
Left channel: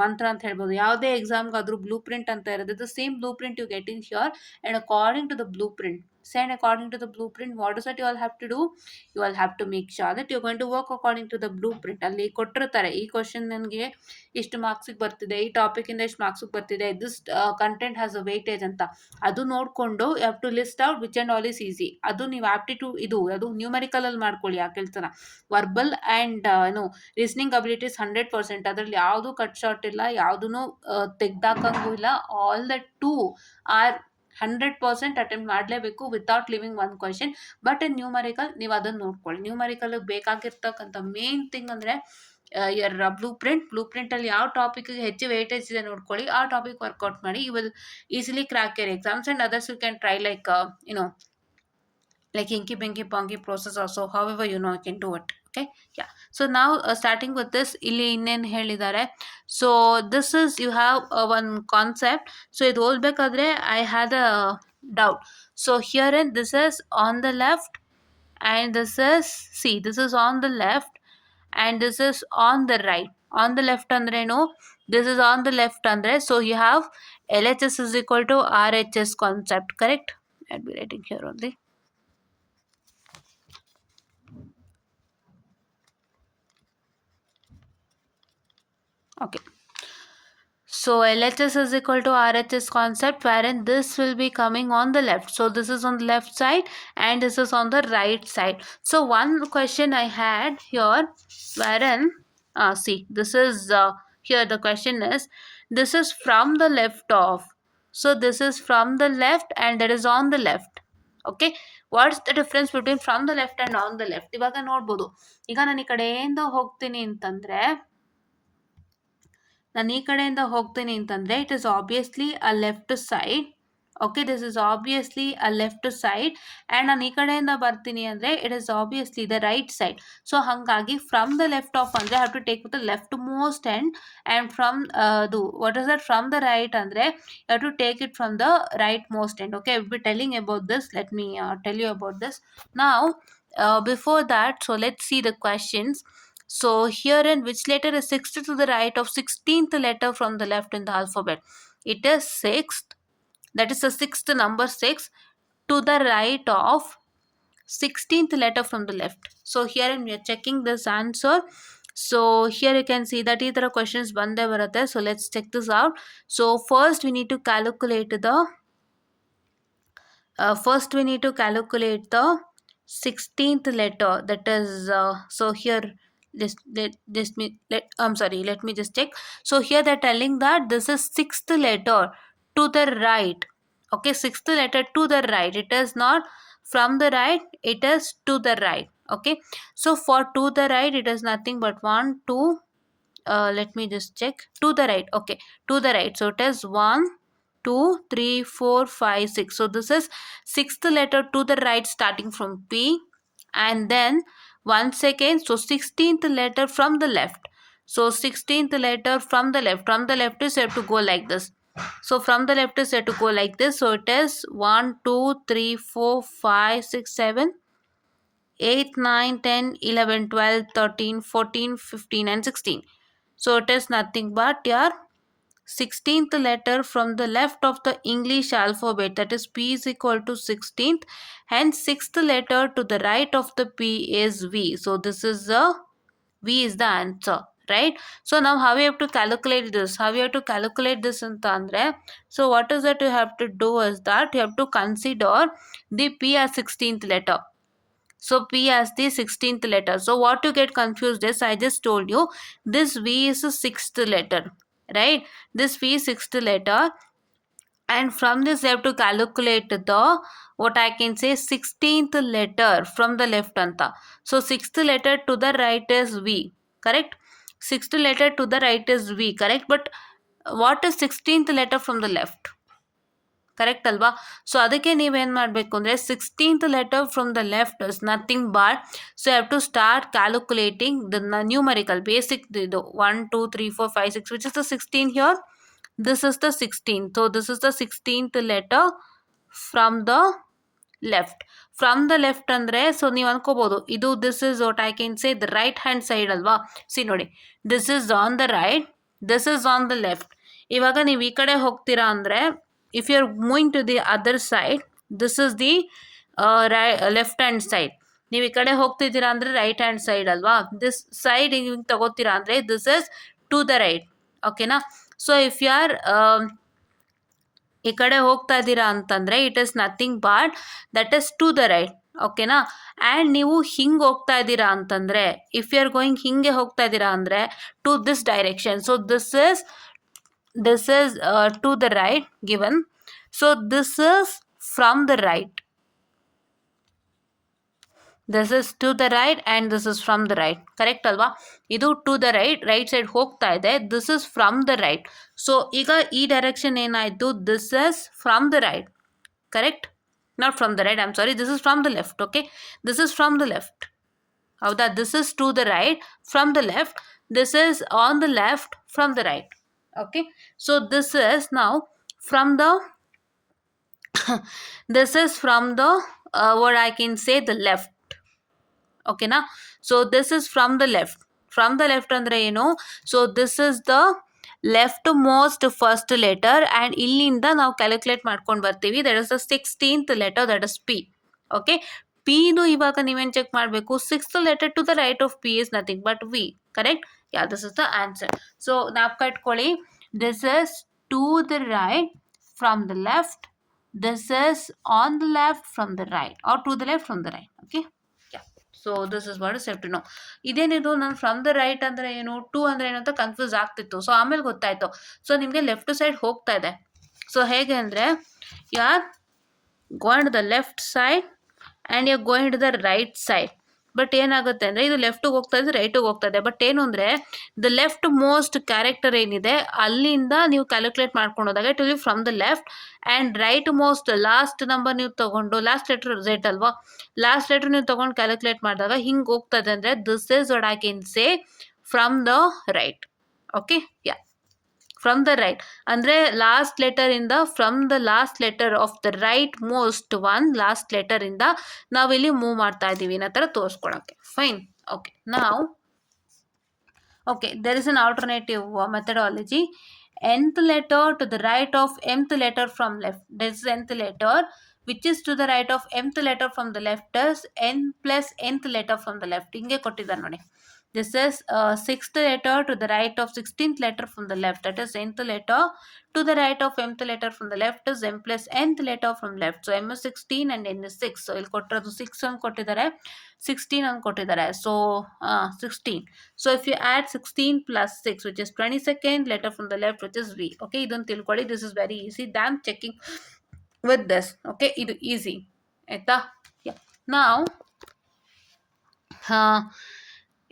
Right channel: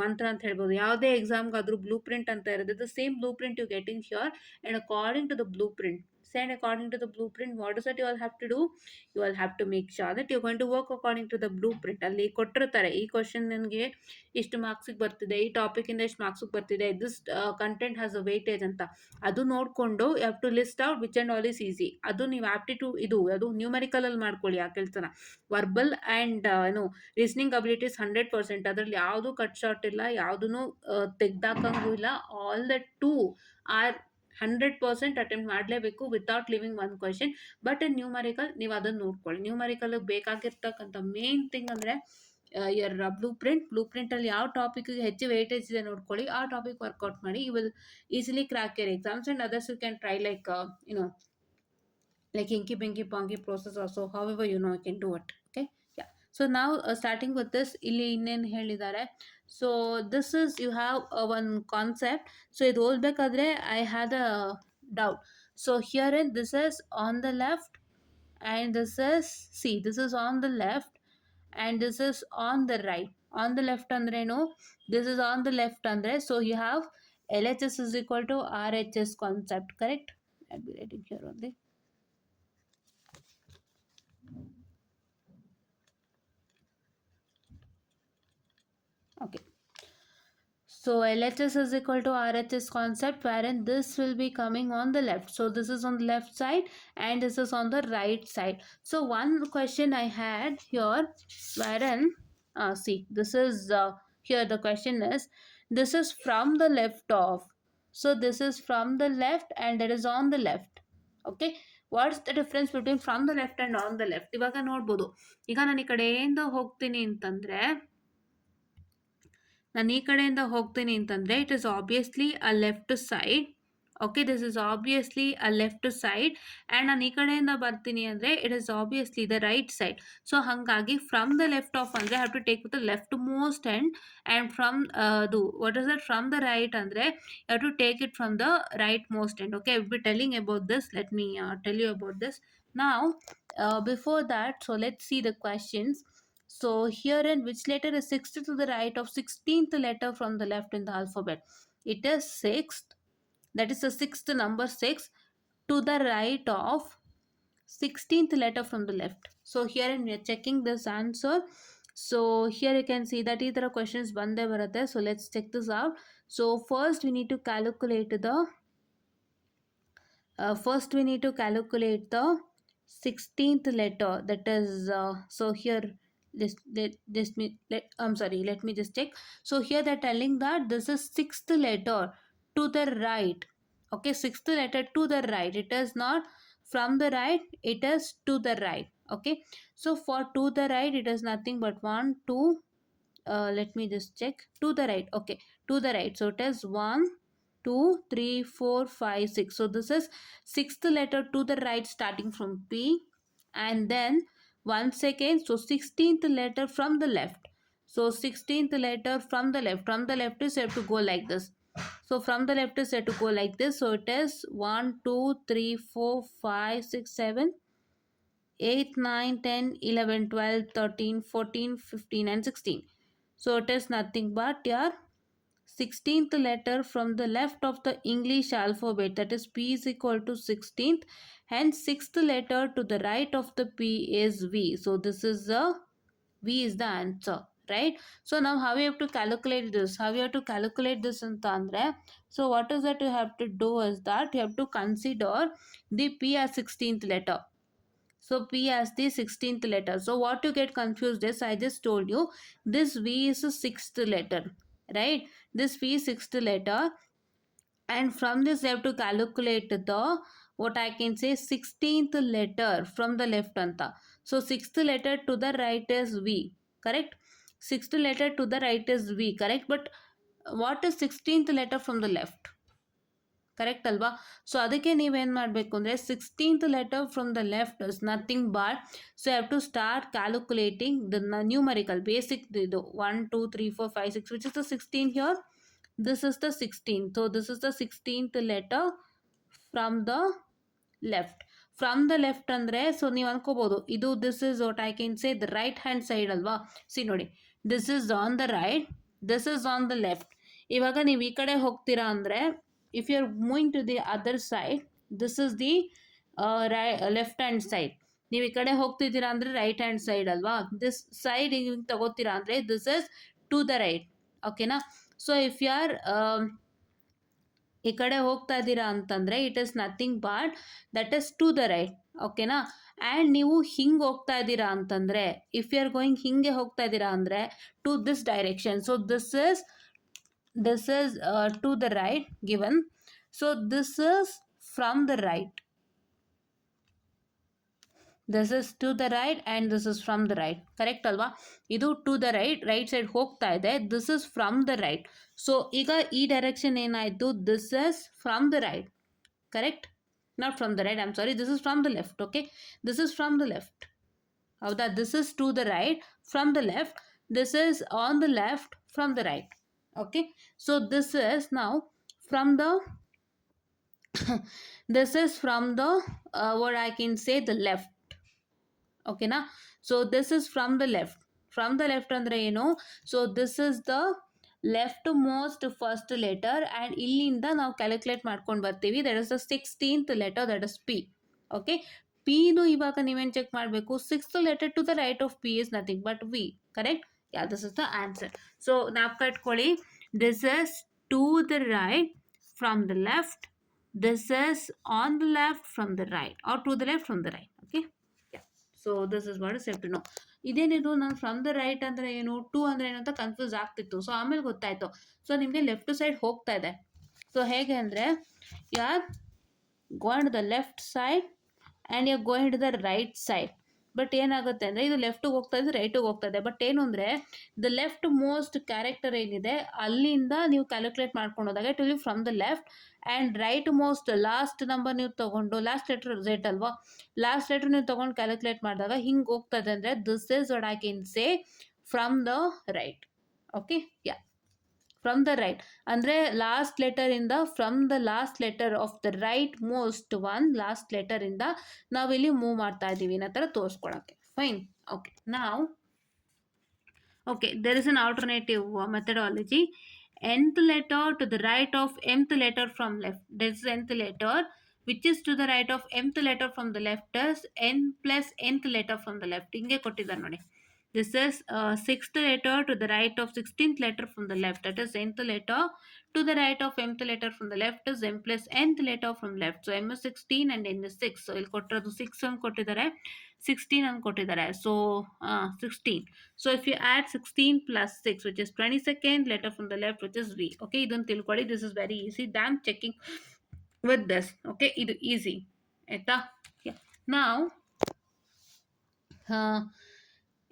ಮಂತ್ರ ಅಂತ ಹೇಳ್ಬೋದು. ಯಾವುದೇ ಎಕ್ಸಾಮ್‌ಗಾದ್ರೂ ಬ್ಲೂ ಪ್ರಿಂಟ್ ಅಂತ ಇರುತ್ತೆ. The same blueprint you get in here and according to the blueprint. Say and according to the blueprint, what is that you all have to do? You all have to make sure that you're going to work according to the blueprint. ಅಲ್ಲಿ ಕೊಟ್ಟಿರ್ತಾರೆ, ಈ ಕ್ವಶನ್ ನನಗೆ ಇಷ್ಟು ಮಾರ್ಕ್ಸಿಗೆ ಬರ್ತಿದೆ, ಈ ಟಾಪಿಕಿಂದ ಇಷ್ಟು ಮಾರ್ಕ್ಸಿಗೆ ಬರ್ತಿದೆ, this content has a weightage ಅಂತ. ಅದು ನೋಡಿಕೊಂಡು you have to list out which and all is easy. ಅದು ನೀವು ಆಪ್ಟಿಟ್ಯೂಡ್ ಇದು ಅದು ನ್ಯೂಮರಿಕಲಲ್ಲಿ ಮಾಡ್ಕೊಳ್ಳಿ ಆ ಕೆಲಸನ. ವರ್ಬಲ್ ಆ್ಯಂಡ್ ಏನು ರೀಸನಿಂಗ್ ಅಬಿಲಿಟೀಸ್ 100%. ಅದರಲ್ಲಿ ಯಾವುದು ಕಟ್ ಶಾರ್ಟ್ ಇಲ್ಲ, ಯಾವುದೂ ತೆಗ್ದಾಕಂಗೂ ಇಲ್ಲ. All the two are 100% attempt ಮಾಡಲೇಬೇಕು without leaving one question. But in numerical ನೀವು ಅದನ್ನು ನೋಡ್ಕೊಳ್ಳಿ. ನ್ಯೂಮರಿಕಲ್ ಬೇಕಾಗಿರ್ತಕ್ಕಂಥ ಮೇನ್ ಥಿಂಗ್ ಅಂದರೆ ಯರ್ ಬ್ಲೂ ಪ್ರಿಂಟಲ್ಲಿ ಯಾವ ಟಾಪಿಕ್ಗೆ ಹೆಚ್ಚು ವೇಟೇಜ್ ಇದೆ ನೋಡ್ಕೊಳ್ಳಿ, ಆ ಟಾಪಿಕ್ ವರ್ಕೌಟ್ ಮಾಡಿ. You will easily crack your exams and others you can try like like inky pinky ponky process also, however you can do it. Okay, yeah. So now starting with this, ಇಲ್ಲಿ ಇನ್ನೇನು ಹೇಳಿದ್ದಾರೆ. So this is you have one concept. So ಇದು ಓದಬೇಕಾದ್ರೆ I had a doubt. So herein this is on the left and this is on the left and this is on the right. On the left ಅಂದ್ರೇನು, this is on the left andre, so you have LHS is equal to RHS concept, correct? I'll be writing here only. Okay, so LHS is equal to RHS concept, wherein this will be coming on the left. So this is on the left side and this is on the right side. So one question I had here, wherein see, this is here the question is, this is from the left of, so this is from the left and that is on the left. Okay, what's the difference between from the left and on the left? ಇವಾಗ ನೋಡ್ಬೋದು, ಈಗ ನಾನು ಈ ಕಡೆಯಿಂದ ಹೋಗ್ತೀನಿ ಅಂತಂದ್ರೆ, ನಾನು ಈ ಕಡೆಯಿಂದ ಹೋಗ್ತೀನಿ ಅಂತಂದರೆ it is obviously a left side. Okay, this is obviously a left side. And ನಾನು ಈ ಕಡೆಯಿಂದ ಬರ್ತೀನಿ ಅಂದರೆ it is obviously the right side. So ಹಾಗಾಗಿ ಫ್ರಮ್ ದ ಲೆಫ್ಟ್ ಆಫ್ ಅಂದರೆ have to take with the left most end and from ಅದು what is that from the right ಅಂದರೆ have to take it from the right most end. Okay, I will be telling about this. Let me tell you about this ನಾವು. Before that, so let's see the questions. So herein, which letter is sixth to the right of 16th letter from the left in the alphabet? It is sixth, that is the sixth number 6 to the right of 16th letter from the left. So herein we are checking this answer. So here you can see that either questions bande baratte. So let's check this out. So first we need to calculate the 16th letter, that is so here let me just check. So here they're telling that this is sixth letter to the right. Okay, sixth letter to the right, it is not from the right, it is to the right. Okay, so for to the right it is nothing but 1 2 let me just check. To the right, okay, to the right, so it is 1 2 3 4 5 6. So this is sixth letter to the right starting from P, and then once again, so 16th letter from the left. So 16th letter from the left is you have to go like this. So from the left is you have to go like this. So it is 1 2 3 4 5 6 7 8 9 10 11 12 13 14 15 and 16. So it is nothing but your 16th letter from the left of the English alphabet, that is P is equal to 16th, hence 6th letter to the right of the P is V. So this is the V is the answer, right? So now how you have to calculate this? Anta andre, so what is that you have to do is that you have to consider the P as 16th letter. So P as the 16th letter. So what you get confused is, I just told you, this V is a 6th letter, right? This V is 6th letter, and from this you have to calculate the, what I can say, 16th letter from the left anta. So 6th letter to the right is V, correct? 6th letter to the right is V, correct? But what is 16th letter from the left? Correct ಅಲ್ವಾ? So ಅದಕ್ಕೆ ನೀವೇನು ಮಾಡಬೇಕು ಅಂದರೆ 16th letter from the left is nothing but, so have to start calculating the numerical basic ಇದು 1 2 3 4 5 6 which is the 16 here. This is the 16. So this is the 16th letter from the left. From the left ಅಂದರೆ so ನೀವು ಅನ್ಕೋಬೋದು ಇದು this is what I can say the right hand side ಅಲ್ವಾ. See ನೋಡಿ, this is on the right, this is on the left. ಇವಾಗ ನೀವು ಈ ಕಡೆ ಹೋಗ್ತೀರಾ ಅಂದರೆ if you are moving to the other side, this is the left hand side. ನೀವು ಈ ಕಡೆ ಹೋಗ್ತಿದ್ದೀರಾ ಅಂದರೆ ರೈಟ್ ಹ್ಯಾಂಡ್ ಸೈಡ್ ಅಲ್ವಾ. ದಿಸ್ ಸೈಡ್ ಹಿಂಗೆ ತಗೋತೀರಾ ಅಂದರೆ this is to the right. ಓಕೆನಾ. ಸೊ ಇಫ್ ಯು ಆರ್ ಈ ಕಡೆ ಹೋಗ್ತಾ ಇದ್ದೀರಾ ಅಂತಂದರೆ it is nothing but that is to the right. ಓಕೆನಾ. ಆ್ಯಂಡ್ ನೀವು ಹಿಂಗೆ ಹೋಗ್ತಾ ಇದ್ದೀರಾ ಅಂತಂದರೆ ಇಫ್ ಯು ಆರ್ ಗೋಯಿಂಗ್ ಹಿಂಗೆ ಹೋಗ್ತಾ ಇದ್ದೀರಾ ಅಂದರೆ to this direction. So this is to the right given. So this is from the right. This is to the right and this is from the right. Correct ಅಲ್ವಾ. ಇದು to the right side ಹೋಗ್ತಾ ಇದೆ. This is from the right. So ಈಗ ಈ direction ಏನಾಯಿತು, this is from the right. Correct. Not from the right, I am sorry, this is from the left. Okay, this is from the left. ಹೌದಾ. This is to the right from the left, this is on the left from the right. Okay. So this is ನಾವು from the this is from the what I can say the left. ಓಕೆನಾ. So this is from the left. From the left ಅಂದರೆ ಏನು, so this is the left most first letter and ಇಲ್ಲಿಂದ ನಾವು calculate ಮಾಡ್ಕೊಂಡು ಬರ್ತೀವಿ. That is the 16th letter, that is P. Okay. ಪಿದು ಇವಾಗ ನೀವೇನು ಚೆಕ್ ಮಾಡಬೇಕು, 6th letter to the right of P is nothing but V. Correct. Yeah, this is the answer. So ನಾವು ಕಟ್ಕೊಳ್ಳಿ, this is to the right from the left, this is on the left from the right or to the left from the right. Okay. Yeah. So this is what is have to know. ಇದೇನಿದು ನಾನು from the right ಅಂದರೆ ಏನು, ಟು ಅಂದರೆ ಏನು ಅಂತ ಕನ್ಫ್ಯೂಸ್ ಆಗ್ತಿತ್ತು. ಸೊ ಆಮೇಲೆ ಗೊತ್ತಾಯಿತು. ಸೊ ನಿಮಗೆ ಲೆಫ್ಟ್ ಸೈಡ್ ಹೋಗ್ತಾ ಇದೆ. ಸೊ ಹೇಗೆ ಅಂದರೆ you are going to the left side and you are going to the right side. But ಏನಾಗುತ್ತೆ ಅಂದರೆ ಇದು ಲೆಫ್ಟಿಗೆ ಹೋಗ್ತಾ ಇದೆ, ರೈಟಿಗೆ ಹೋಗ್ತಾ ಇದೆ. ಬಟ್ ಏನು ಅಂದರೆ ದ ಲೆಫ್ಟ್ ಮೋಸ್ಟ್ ಕ್ಯಾರೆಕ್ಟರ್ ಏನಿದೆ ಅಲ್ಲಿಂದ ನೀವು ಕ್ಯಾಲ್ಕುಲೇಟ್ ಮಾಡ್ಕೊಂಡು ಹೋದಾಗ it will be from the left. And right most last number ನೀವು ತೊಗೊಂಡು, ಲಾಸ್ಟ್ ಲೆಟರ್ ಝೆಡ್ ಅಲ್ವಾ, ಲಾಸ್ಟ್ ಲೆಟರ್ ನೀವು ತೊಗೊಂಡು ಕ್ಯಾಲ್ಕುಲೇಟ್ ಮಾಡಿದಾಗ ಹಿಂಗೆ ಹೋಗ್ತದೆ ಅಂದರೆ this is what I can say from the right. Okay. Yeah, from the right ಅಂದರೆ ಲಾಸ್ಟ್ ಲೆಟರಿಂದ, from the last letter of the right most one last ಲೆಟರಿಂದ ನಾವಿಲ್ಲಿ ಮೂವ್ ಮಾಡ್ತಾ ಇದ್ದೀವಿ ಅನ್ನೋ ಥರ ತೋರಿಸ್ಕೊಳಕ್ಕೆ. ಫೈನ್. ಓಕೆ. ನಾವು okay, there is an alternative methodology. nth letter to the right of mth letter from left. This is nth letter which is to the right of mth letter from the left is n plus nth letter from the left. ಹಿಂಗೆ ಕೊಟ್ಟಿದ್ದಾರೆ ನೋಡಿ. This is 6th letter to the right of 16th letter from the left. That is nth letter to the right of mth letter from the left is m plus nth letter from left. So m is 16 and n is 6. So ಇಲ್ಲಿ ಕೊಟ್ಟಿರೋದು 6 ಅಂತ ಕೊಟ್ಟಿದ್ದಾರೆ, 16 ಅಂತ ಕೊಟ್ಟಿದ್ದಾರೆ. So 16. So if you add 16 plus 6 which is 22nd letter from the left which is V. Okay, ಇದನ್ನು ತಿಳ್ಕೊಳ್ಳಿ. This is very easy. Damn checking with this. Okay, ಇದು easy ಆಯ್ತಾ. Yeah. Now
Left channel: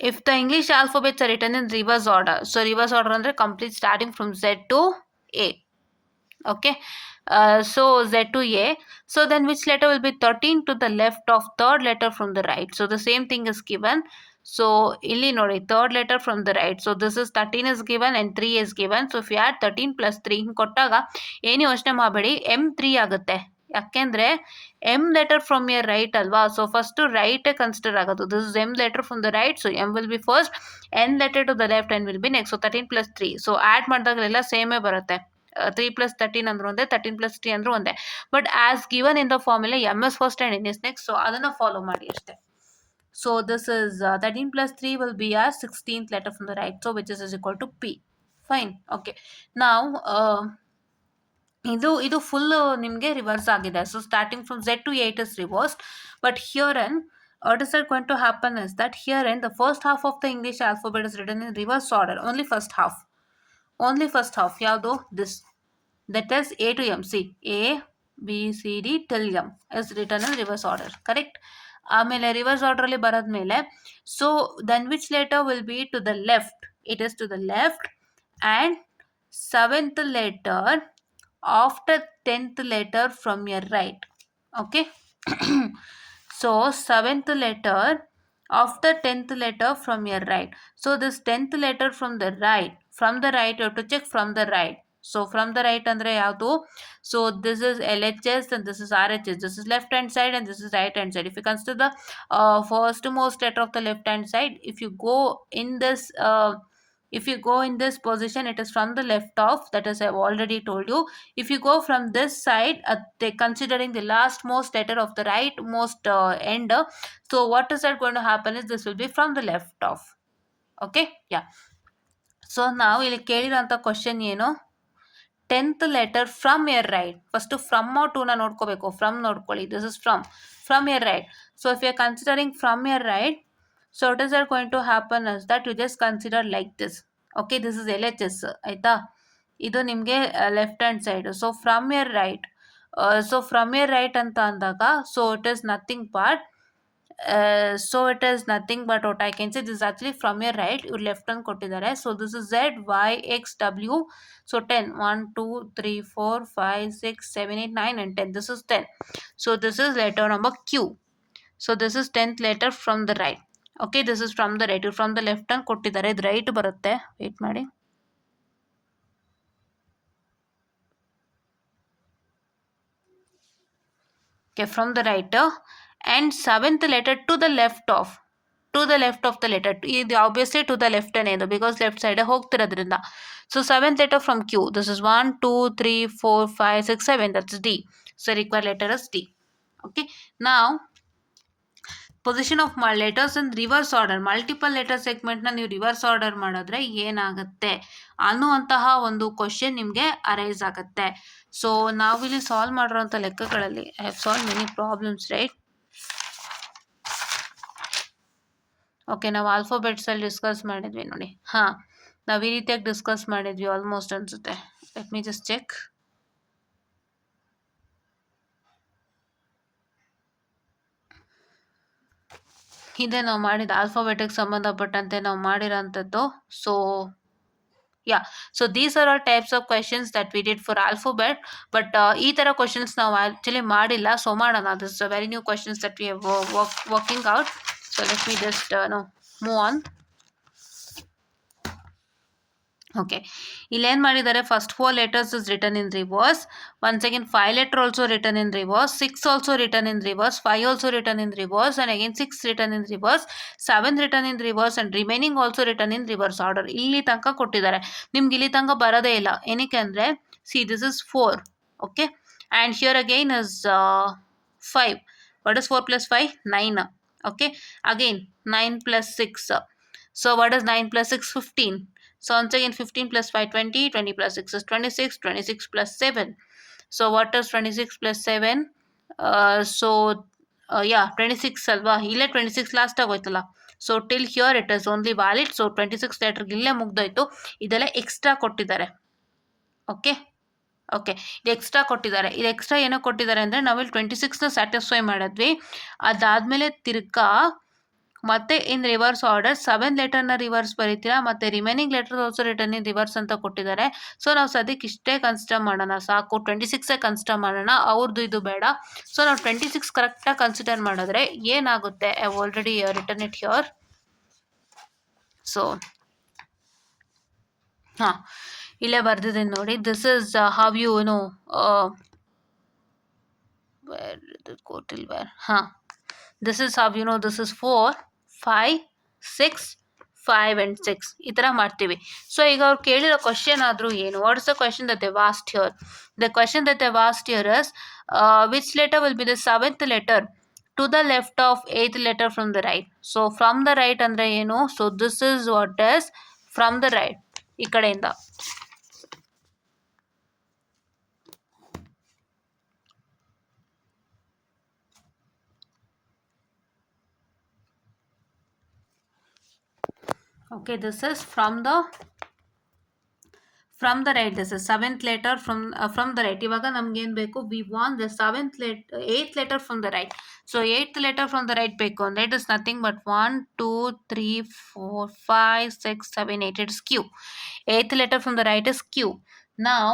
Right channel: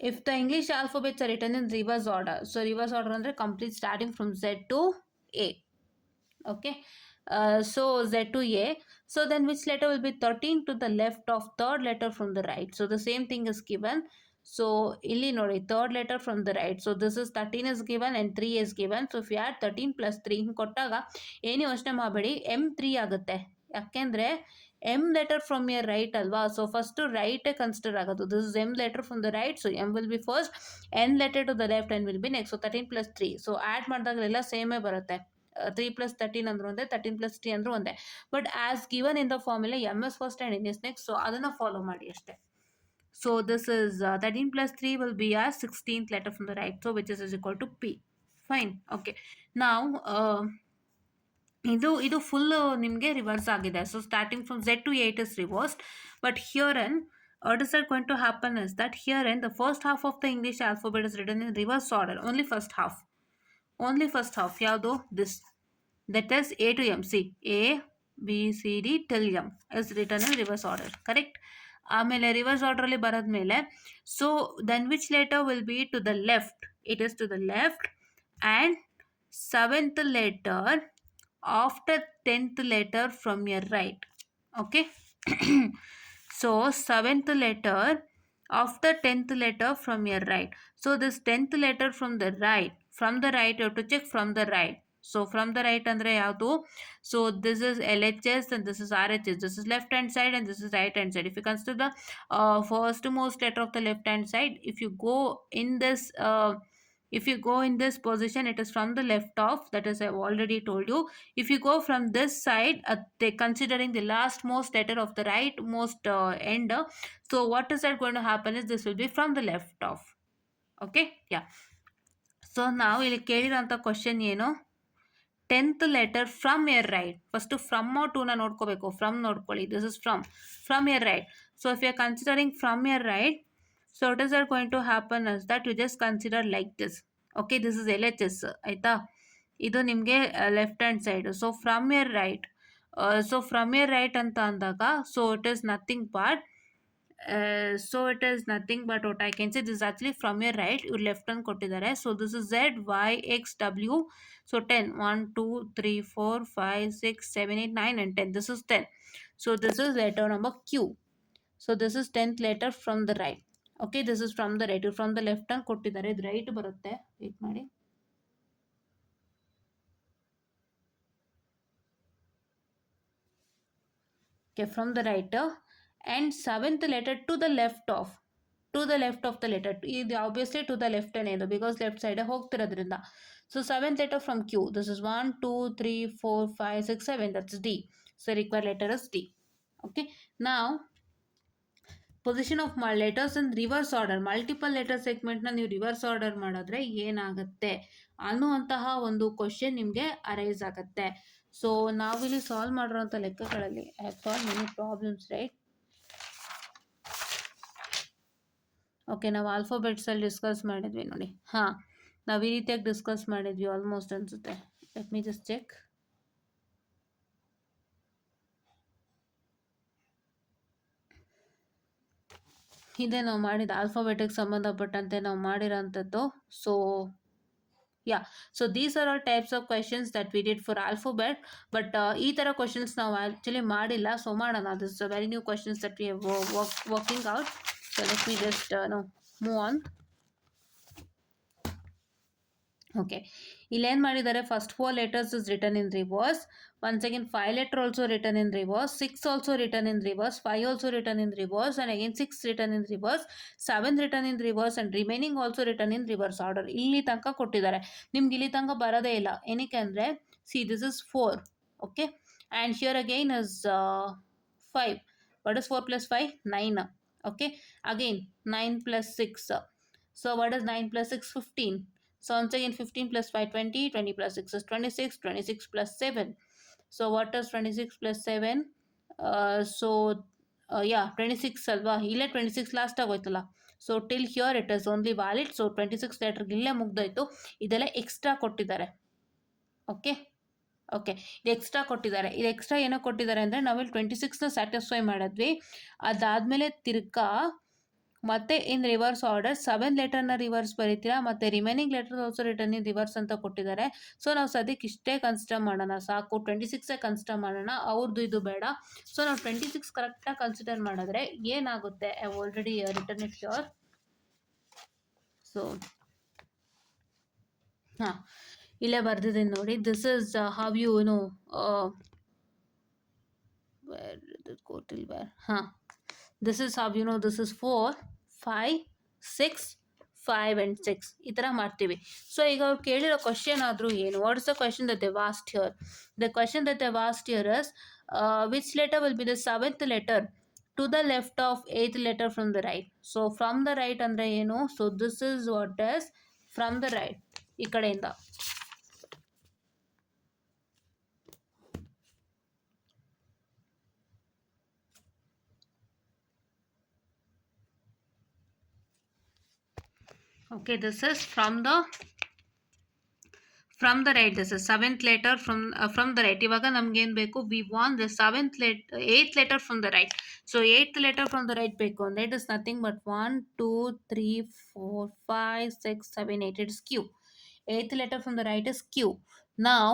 if the English alphabets are written in reverse order, so reverse order ಅಂದರೆ complete starting from Z to A. Okay. So Z to A. So then which letter will be 13 to the left of third letter from the right? So the same thing is given. So ಇಲ್ಲಿ ನೋಡಿ, third letter from the right. So this is 13 is given and 3 is given. So if you add 13 plus 3 ಕೊಟ್ಟಾಗ ಏನು ಯೋಚನೆ ಮಾಡಬೇಡಿ, M3 ಆಗುತ್ತೆ. ಯಾಕೆಂದರೆ M letter from your right ಅಲ್ವಾ. So first ರೈಟೇ ಕನ್ಸಿಡರ್ ಆಗೋದು. This is M letter from the right. So M will be first, N letter to the left, N will be next. So 13 plus 3. So add ಮಾಡಿದಾಗಲೆಲ್ಲ ಸೇಮೇ ಬರುತ್ತೆ. 3 plus 13 ಅಂದರೂ ಒಂದೇ, 13 plus 3 ಅಂದರೂ ಒಂದೇ. But as given in the formula M S first and N S next. So ಅದನ್ನು follow ಮಾಡಿ ಅಷ್ಟೇ. So this is 13 plus 3 will be our 16th letter from the right. So which is equal to P. Fine. Okay. Now ಇದು ಫುಲ್ ನಿಮಗೆ ರಿವರ್ಸ್ ಆಗಿದೆ. So starting from Z to 8 is reversed. But here in what is going to happen is that here in the first half of the English alphabet is written in reverse order. Only first half. Only first half. ಯಾವುದು? This. That is A to M. See, A, B, C, D till M is written in reverse order. Correct? ಆಮೇಲೆ reverse ಆರ್ಡ್ರಲ್ಲಿ ಬರೋದ್ಮೇಲೆ so then which letter will be to the left? It is to the left and 7th letter after 10th letter from your right. Okay. So 7th letter after 10th letter from your right. So this 10th letter from the right you have to check from the right. So from the right andre yavdu? So this is LHS and this is RHS. This is left hand side and this is right hand side. If you consider the first most letter of the left hand side, if you go in this position, it is from the left off. That is, I've already told you. If you go from this side, considering the last most letter of the right most end, so what is that going to happen is this will be from the left off. Okay, yeah. So ನಾವು ಇಲ್ಲಿ ಕೇಳಿರೋಂಥ question ಏನು, 10th letter from your right. First from ಟೂನ ನೋಡ್ಕೋಬೇಕು. From ನೋಡ್ಕೊಳ್ಳಿ, this is from your right. So if you are considering from your right, so it is are going to happen is that you just consider like this. Okay, this is LHS ಆಯಿತಾ. ಇದು ನಿಮಗೆ left hand side. So from your right, so from your right ಅಂತ ಅಂದಾಗ, so it is nothing but so it is nothing but what I can say, this is actually from your right, your left hand ಕೊಟ್ಟಿದ್ದಾರೆ. So this is Z, Y, X, W. So 10, 1, 2, 3, 4, 5, 6, 7, 8, 9 and 10. This is 10. So this is letter number Q. So this is 10th letter from the right. Okay, this is from the right. From the left hand ಕೊಟ್ಟಿದ್ದಾರೆ, ಇದು ರೈಟ್ ಬರುತ್ತೆ. ವೇಟ್ ಮಾಡಿ. Okay, from the right and 7th letter to the left of the letter. ಇದು obviously to the left ಅನ್ನೋದು, because left side ಹೋಗ್ತಿರೋದ್ರಿಂದ. So 7th letter from Q, this is 1, 2, 3, 4, 5, 6, 7, that's D. So required letter is D. Okay, now position of letters in reverse order. Multiple letter ಸೆಗ್ಮೆಂಟ್ನ ನೀವು reverse order ಮಾಡಿದ್ರೆ ಏನಾಗುತ್ತೆ ಅನ್ನುವಂತಹ ಒಂದು ಕ್ವಶನ್ ನಿಮಗೆ ಅರೈಸ್ ಆಗುತ್ತೆ. ಸೊ ನಾವಿಲ್ಲಿ ಸಾಲ್ವ್ ಮಾಡಿರೋಂಥ ಲೆಕ್ಕಗಳಲ್ಲಿ I have solve many problems, right? Okay, ನಾವು ಆಲ್ಫಾಬೆಟ್ಸಲ್ಲಿ ಡಿಸ್ಕಸ್ ಮಾಡಿದ್ವಿ ನೋಡಿ. ಹಾಂ, ನಾವು ಈ ರೀತಿಯಾಗಿ ಡಿಸ್ಕಸ್ ಮಾಡಿದ್ವಿ ಆಲ್ಮೋಸ್ಟ್ ಅನಿಸುತ್ತೆ. Let me just check. ಹಿಂದೆ ನಾವು ಮಾಡಿದ ಆಲ್ಫಾಬೆಟಿಗೆ ಸಂಬಂಧಪಟ್ಟಂತೆ ನಾವು ಮಾಡಿರೋಂಥದ್ದು. So yeah, so these are all types of questions that we did for alphabet, but ಈ ಥರ ಕ್ವಶನ್ಸ್ ನಾವು ಆ್ಯಕ್ಚುಲಿ ಮಾಡಿಲ್ಲ. ಸೊ ಮಾಡೋಣ. This is a very new questions that we have working out. So let me just move on. Okay, ಇಲ್ಲೇನು ಮಾಡಿದ್ದಾರೆ, ಫಸ್ಟ್ 4 letters is written in reverse. Once again 5 letter also written in reverse, 6 also written in reverse, 5 also written in reverse, and again 6 written in reverse, 7 written in reverse, and remaining also written in reverse order. ಇಲ್ಲಿ ತನಕ ಕೊಟ್ಟಿದ್ದಾರೆ. ನಿಮ್ಗೆ ಇಲ್ಲಿ ತನಕ ಬರೋದೇ ಇಲ್ಲ. ಏನಕ್ಕೆ ಅಂದರೆ, see this is 4. okay, and here again is 5. What is 4 plus 5? 9. okay, again 9 plus 6. So what is 9 plus 6? 15. So once again 15 plus 5, 20, 20 plus 6 is 26, 26 plus 7. So what is 26 plus 7? Yeah, 26 ಅಲ್ವಾ, ಇಲ್ಲೇ 26 ಲಾಸ್ಟ್ ಆಗೋಯ್ತಲ್ಲ. So till here it is only valid. So 26 ಲೆಟರ್ಗೆ ಇಲ್ಲೇ ಮುಗ್ದೋಯ್ತು. ಇದೆಲ್ಲ ಎಕ್ಸ್ಟ್ರಾ ಕೊಟ್ಟಿದ್ದಾರೆ. ಓಕೆ, ಇದು ಎಕ್ಸ್ಟ್ರಾ ಕೊಟ್ಟಿದ್ದಾರೆ. ಇದು ಎಕ್ಸ್ಟ್ರಾ ಏನೋ ಕೊಟ್ಟಿದ್ದಾರೆ ಅಂದರೆ, ನಾವಿಲ್ಲಿ 26ನ ಸ್ಯಾಟಿಸ್ಫೈ ಮಾಡಿದ್ವಿ. ಅದಾದಮೇಲೆ ತಿರ್ಗಾ ಮತ್ತೆ ಇನ್ ರಿವರ್ಸ್ ಆರ್ಡರ್ 7 ಲೆಟರ್ನ ರಿವರ್ಸ್ ಬರೀತೀರಾ, ಮತ್ತು remaining letter also return in reverse ಅಂತ ಕೊಟ್ಟಿದ್ದಾರೆ. ಸೊ ನಾವು ಸದ್ಯಕ್ಕೆ ಇಷ್ಟೇ ಕನ್ಸಿಡರ್ ಮಾಡೋಣ, ಸಾಕು. 26 ಕನ್ಸಿಡರ್ ಮಾಡೋಣ, ಅವ್ರದ್ದು ಇದು ಬೇಡ. ಸೊ ನಾವು 26 ಕರೆಕ್ಟಾಗಿ ಕನ್ಸಿಡರ್ ಮಾಡಿದ್ರೆ ಏನಾಗುತ್ತೆ, I already return it here. So ಹಾಂ, ಇಲ್ಲೇ ಬರ್ದಿದ್ದೀನಿ ನೋಡಿ. This is how you know where ಹಾಂ, this is how you know this is 4, 5, 6, 5 and 6 ಈ ಥರ ಮಾಡ್ತೀವಿ. ಸೊ ಈಗ ಅವ್ರು ಕೇಳಿರೋ ಕ್ವಶನ್ ಆದರೂ ಏನು, what is the question that they asked here? The question that they asked here is which letter will be the 7th letter to the left of 8th letter from the right. So from the right ಅಂದರೆ ಏನು? So this is what is from the right, ಈ ಕಡೆಯಿಂದ. Okay, this is from the right. This is 7th letter from the right. ಇವಾಗ ನಮ್ಗೆ ಏನು ಬೇಕು? We want the 8th letter from the right. So 8th letter from the right ಬೇಕು ಅಂದರೆ it is nothing but 1, 2, 3, 4, 5, 6, 7, 8. It is Q. 8th letter from the right is Q. Now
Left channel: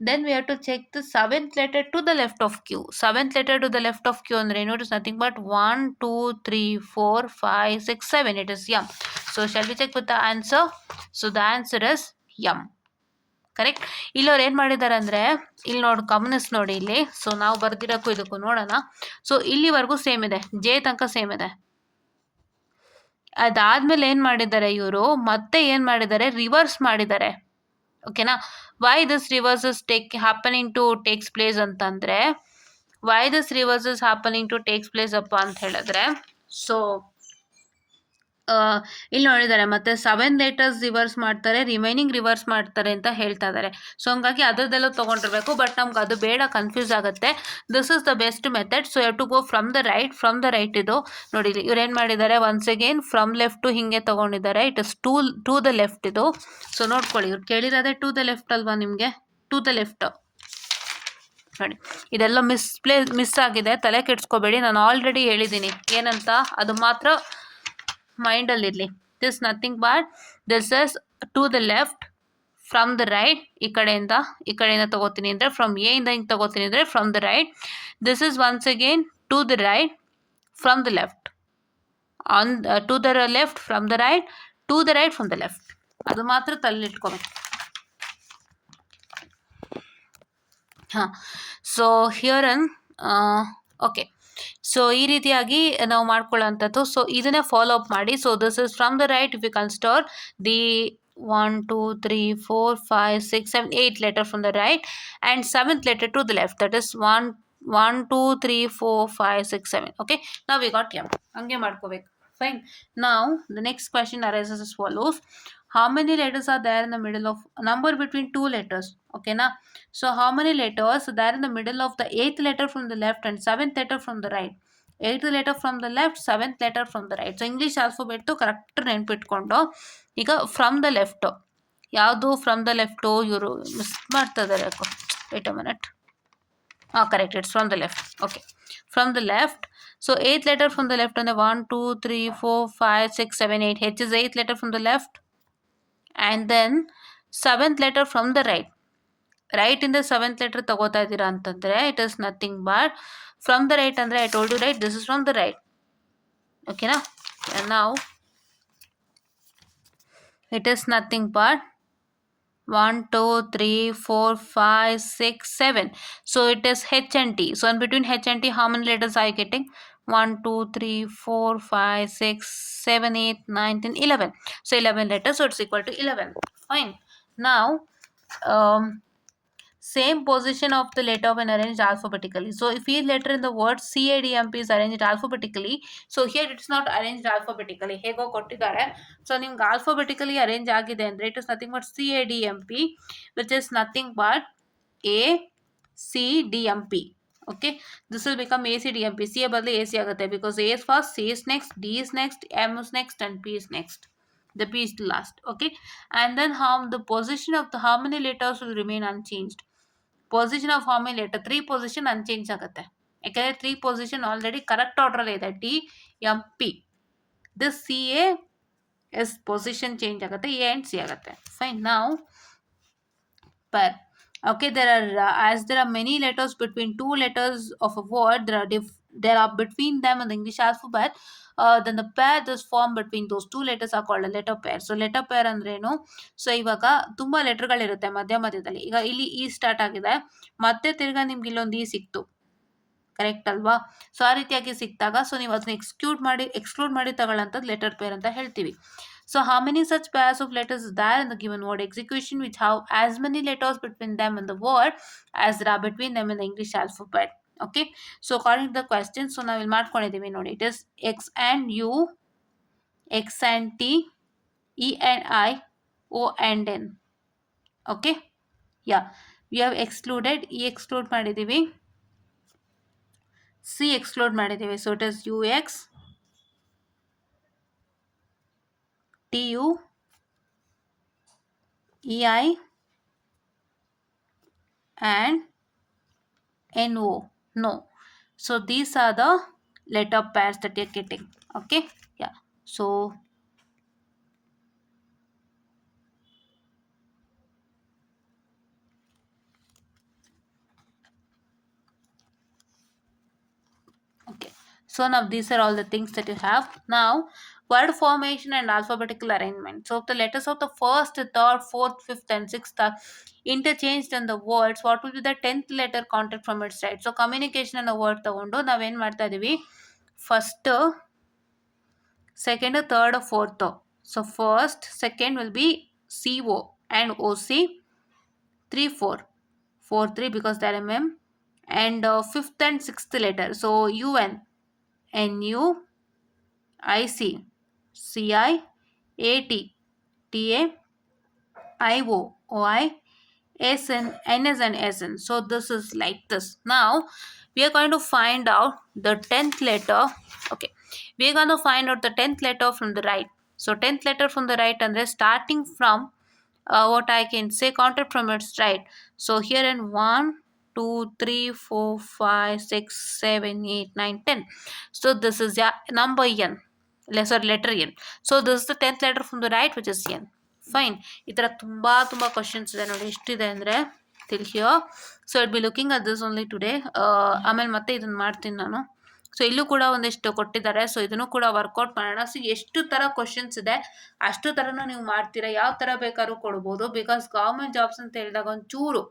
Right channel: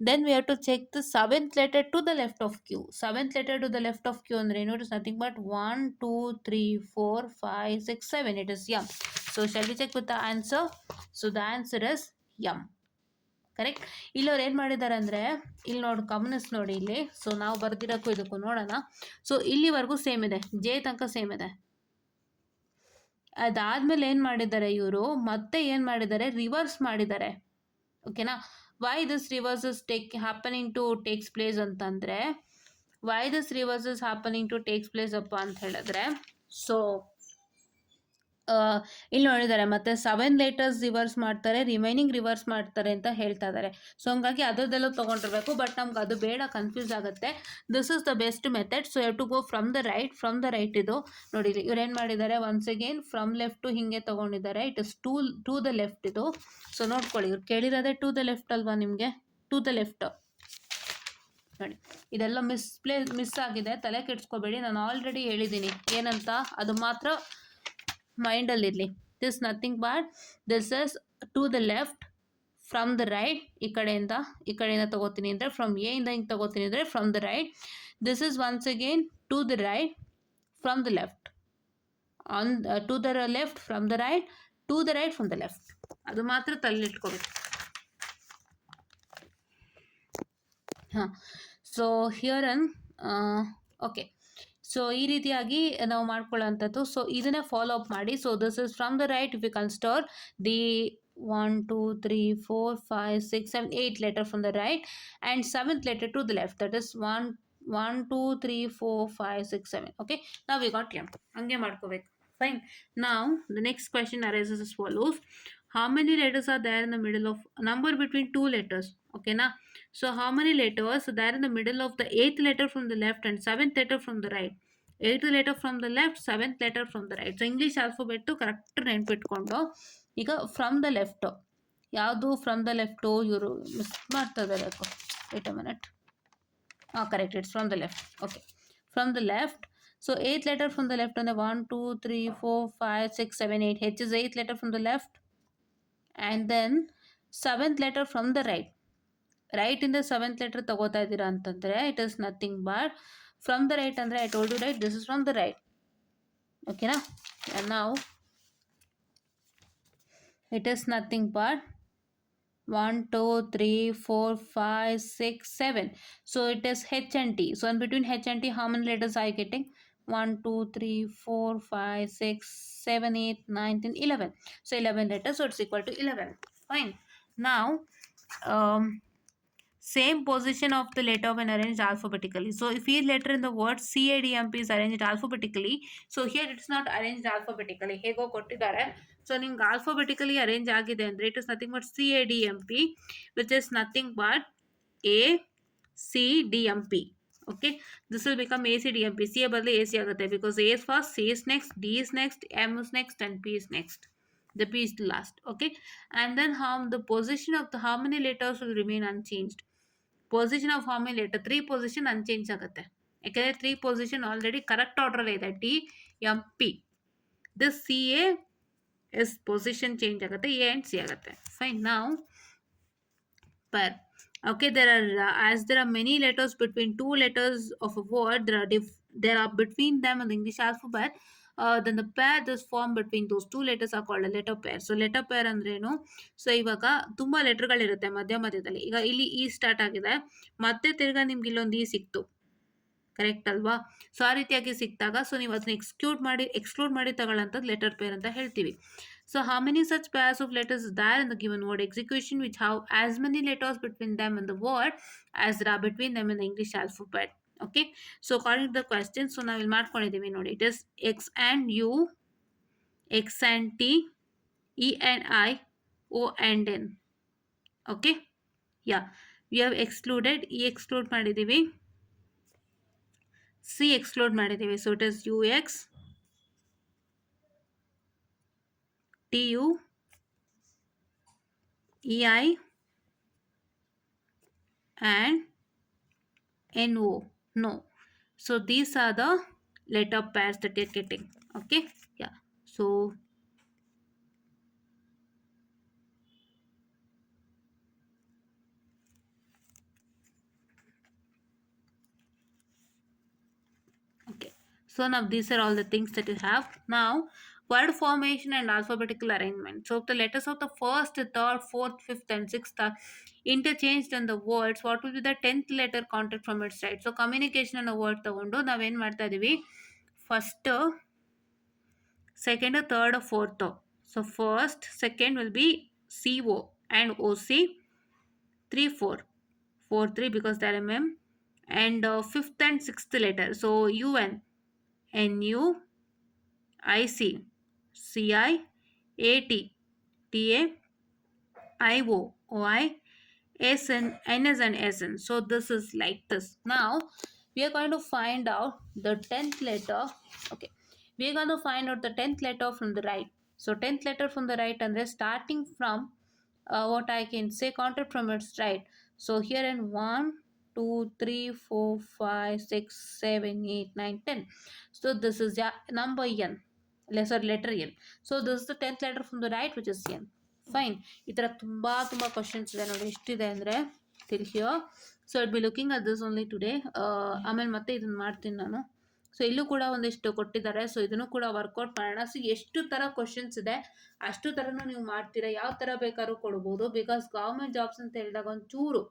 then we have to check the 7th letter to the left of Q. 7th letter to the left of Q ಅಂದರೆ ಏನು? It is nothing but 1, 2, 3, 4, 5, 6, 7. It is M. So shall we check with the answer? So the answer is M. Correct. ಇಲ್ಲಿ ಅವ್ರು ಏನು ಮಾಡಿದ್ದಾರೆ ಅಂದರೆ, ಇಲ್ಲಿ ನೋಡಿ ಗಮನಿಸಿ ನೋಡಿ ಇಲ್ಲಿ. ಸೊ ನಾವು ಬರ್ದಿರೋಕ್ಕೂ ಇದಕ್ಕೂ ನೋಡೋಣ. ಸೊ ಇಲ್ಲಿವರೆಗೂ ಸೇಮ್ ಇದೆ, ಜೆ ತನಕ ಸೇಮ್ ಇದೆ. ಅದಾದಮೇಲೆ ಏನು ಮಾಡಿದ್ದಾರೆ ಇವರು, ಮತ್ತೆ ಏನು ಮಾಡಿದ್ದಾರೆ, ರಿವರ್ಸ್ ಮಾಡಿದ್ದಾರೆ. ಓಕೆನಾ. Why this reverses happening to takes place ಅಂತಂದರೆ, why this reverses happening to takes place ಅಪ್ಪ ಅಂತ ಹೇಳಿದ್ರೆ, ಸೊ ಇಲ್ಲಿ ನೋಡಿದ್ದಾರೆ ಮತ್ತೆ 7 ಲೆಟರ್ಸ್ ರಿವರ್ಸ್ ಮಾಡ್ತಾರೆ, ರಿಮೈನಿಂಗ್ ರಿವರ್ಸ್ ಮಾಡ್ತಾರೆ ಅಂತ ಹೇಳ್ತಾ ಇದ್ದಾರೆ. ಸೊ ಹಂಗಾಗಿ ಅದರದ್ದೆಲ್ಲ ತೊಗೊಂಡಿರ್ಬೇಕು, ಬಟ್ ನಮ್ಗೆ ಅದು ಬೇಡ, ಕನ್ಫ್ಯೂಸ್ ಆಗುತ್ತೆ. This is the best method. So you to go from the right. ಇದು ನೋಡಿ ಇವ್ರು ಏನು ಮಾಡಿದ್ದಾರೆ, ಒನ್ಸ್ ಅಗೇನ್ ಫ್ರಮ್ ಲೆಫ್ಟು ಹಿಂಗೆ ತೊಗೊಂಡಿದ್ದಾರೆ. It is to the left ಇದು. ಸೊ ನೋಡ್ಕೊಳ್ಳಿ, ಇವ್ರು ಕೇಳಿರೋದೇ ಟು ದ ಲೆಫ್ಟ್ ಅಲ್ವಾ ನಿಮಗೆ, ಟು ದ ಲೆಫ್ಟ್ ನೋಡಿ. ಇದೆಲ್ಲ ಮಿಸ್ ಆಗಿದೆ, ತಲೆ ಕೆಡ್ಸ್ಕೋಬೇಡಿ, ನಾನು ಆಲ್ರೆಡಿ ಹೇಳಿದ್ದೀನಿ ಏನಂತ, ಅದು ಮಾತ್ರ ಮೈಂಡಲ್ಲಿರಲಿ. This nothing but this is to the left from the right. ಈ ಕಡೆಯಿಂದ ತಗೋತೀನಿ ಅಂದರೆ, ಫ್ರಮ್ ಎ ಇಂದ ಹಿಂಗೆ ತಗೋತೀನಿ ಅಂದರೆ from the right. This is once again to the right from the left, to the left from the right, to the right from the left. ಅದು ಮಾತ್ರ ತಲೆಲಿಟ್ಕೋಬೇಕು. ಹಾಂ, ಸೊ ಹಿಯರ್ ಓಕೆ. ಸೊ ಈ ರೀತಿಯಾಗಿ ನಾವು ಮಾಡ್ಕೊಳ್ಳೋಂಥದ್ದು. ಸೊ ಇದನ್ನೇ ಫಾಲೋ ಅಪ್ ಮಾಡಿ. So this is from the right. If you consider the 1 2 3 4 5 6 7 8 letter from the right and 7th letter to the left, that is 1 2 3 4 5 6 7. Okay, now we got m. ಹಂಗೆ ಮಾಡ್ಕೋಬೇಕು. Fine. Now the next question arises as follows. How many letters are there in the middle of number between two letters? Okay na. So how many letters are there in the middle of the 8th letter from the left and 7th letter from the right? 8th letter from the left, 7th letter from the right. So English alphabet correct ನೆನ್ಪಿಟ್ಕೊಂಡು, ಈಗ from the left ಯಾವುದು, from the left ಇವರು miss ಮಾಡ್ತಾ ಇದ್ದಾರೆ ಯಾಕೋ. Wait a minute. Correct, it's from the left. Okay, from the left. So 8th letter from the left ಅಂದರೆ 1 2 3 4 5 6 7 8. H is 8th letter from the left and then 7th letter from the right. Right ಇಂದ 7th letter ತಗೋತಾ ಇದ್ದೀರಾ ಅಂತಂದರೆ it is nothing but from the right ಅಂದರೆ, I told you right, this is from the right. ಓಕೆನಾ. ನಾವು it is nothing but 1 2 3 4 5 6 7. So it is H and T. So in between H and T, how many letters are you getting? 1 2 3 4 5 6 7 8 9 10 11. So 11 letters, so it's equal to 11. Fine. Now same position of the letter when arranged alphabetically. So if each letter in the word CADMP is arranged alphabetically, so here it's not arranged alphabetically. ಹೇಗೋ ಕೊಟ್ಟಿದ್ದಾರೆ. ಸೊ ನಿಮ್ಗೆ alphabetically arrange ಆಗಿದೆ ಅಂದರೆ it is nothing but CADMP, which is nothing but ACDMP. Okay, this will become ACDMP. C ಬದಲು AC ಆಗುತ್ತೆ, because A is first, C is next, D is next, M is next and P is next. The P is the last. Okay, and then how the position of the how many letters will remain unchanged? Position of form letter 3 position unchange ಆಗುತ್ತೆ, ಯಾಕೆಂದರೆ 3 position already correct ಆರ್ಡ್ರಲ್ಲಿ ಇದೆ. DMP. This CA is position change ಆಗುತ್ತೆ, A and C ಆಗುತ್ತೆ. Fine. ನಾವು per. Okay, as there are many letters between two letters of a word, there are between them in the English alphabet, then the pair that is formed between those two letters are called a letter pair. So letter pair ಅಂದ್ರೇನು? ಸೊ ಇವಾಗ ತುಂಬ ಲೆಟರ್ಗಳಿರುತ್ತೆ ಮಧ್ಯದಲ್ಲಿ. ಈಗ ಇಲ್ಲಿ ಈ ಸ್ಟಾರ್ಟ್ ಆಗಿದೆ, ಮತ್ತೆ ತಿರ್ಗಾ ನಿಮ್ಗೆ ಇಲ್ಲೊಂದು ಈ ಸಿಕ್ತು, ಕರೆಕ್ಟ್ ಅಲ್ವಾ? ಸೊ ಆ ರೀತಿಯಾಗಿ ಸಿಕ್ತಾಗ ಸೊ ನೀವು ಅದನ್ನ ಎಕ್ಸ್ಕ್ಲೂಡ್ ಮಾಡಿ ತಗೊಳ್ಳೋಂಥದ್ದು ಲೆಟರ್ ಪೇರ್ ಅಂತ ಹೇಳ್ತೀವಿ. So how many such pairs of letters is there in the given word execution which have as many letters between them in the word as there are between them in the English alphabet? Okay, so according to the question, so now we'll ಮಾಡ್ಕೊಂಡಿದ್ದೀವಿ ನೋಡಿ. It is X and U, X and T, E and I, O and N. Okay, yeah, we have excluded, E exclude ಮಾಡಿದ್ದೀವಿ, C exclude ಮಾಡಿದ್ದೀವಿ. So it is UX, TU, EI and NO. No. So these are the letter pairs that you're getting. Okay, yeah. So okay, So now these are all the things that you have. Now word formation and alphabetical arrangement. So if the letters of the first, third, fourth, fifth and sixth are interchanged in the words, what will be the 10th letter counted from its right? So communication ಅನ್ನೋ ವರ್ಡ್ ತಗೊಂಡು ನಾವೇನು ಮಾಡ್ತಾ ಇದೀವಿ, first, second, third, fourth. So first, second will be CO and OC, 3 4 4 3 because they're MM, and fifth and sixth letter, so UN, NU, IC, CI, AT, TA, IO, OI, SN, NS and SN. So this is like this. Now we are going to find out the 10th letter. Okay, we are going to find out the 10th letter from the right. So 10th letter from the right, and they're starting from what I can say counted from its right. So here in 1 2 3 4 5 6 7 8 9 10. So this is yeah, number N, lesser letter N. So this is the 10th letter from the right, which is N. Fine. ಈ ಥರ ತುಂಬ questions ಇದೆ ನೋಡಿ, ಎಷ್ಟಿದೆ ಅಂದರೆ till here. So it be looking at this only today. ಆಮೇಲೆ ಮತ್ತೆ ಇದನ್ನು ಮಾಡ್ತೀನಿ ನಾನು. ಸೊ ಇಲ್ಲೂ ಕೂಡ ಒಂದಿಷ್ಟು ಕೊಟ್ಟಿದ್ದಾರೆ. ಸೊ ಇದನ್ನು ಕೂಡ ವರ್ಕೌಟ್ ಮಾಡೋಣ. ಸೊ ಎಷ್ಟು ಥರ ಕ್ವಶನ್ಸ್ ಇದೆ ಅಷ್ಟು ಥರನೂ ನೀವು ಮಾಡ್ತೀರಾ, ಯಾವ ಥರ ಬೇಕಾದ್ರೂ ಕೊಡ್ಬೋದು. ಬಿಕಾಸ್ ಗೌರ್ಮೆಂಟ್ ಜಾಬ್ಸ್ ಅಂತ ಹೇಳಿದಾಗ ಒಂಚೂರು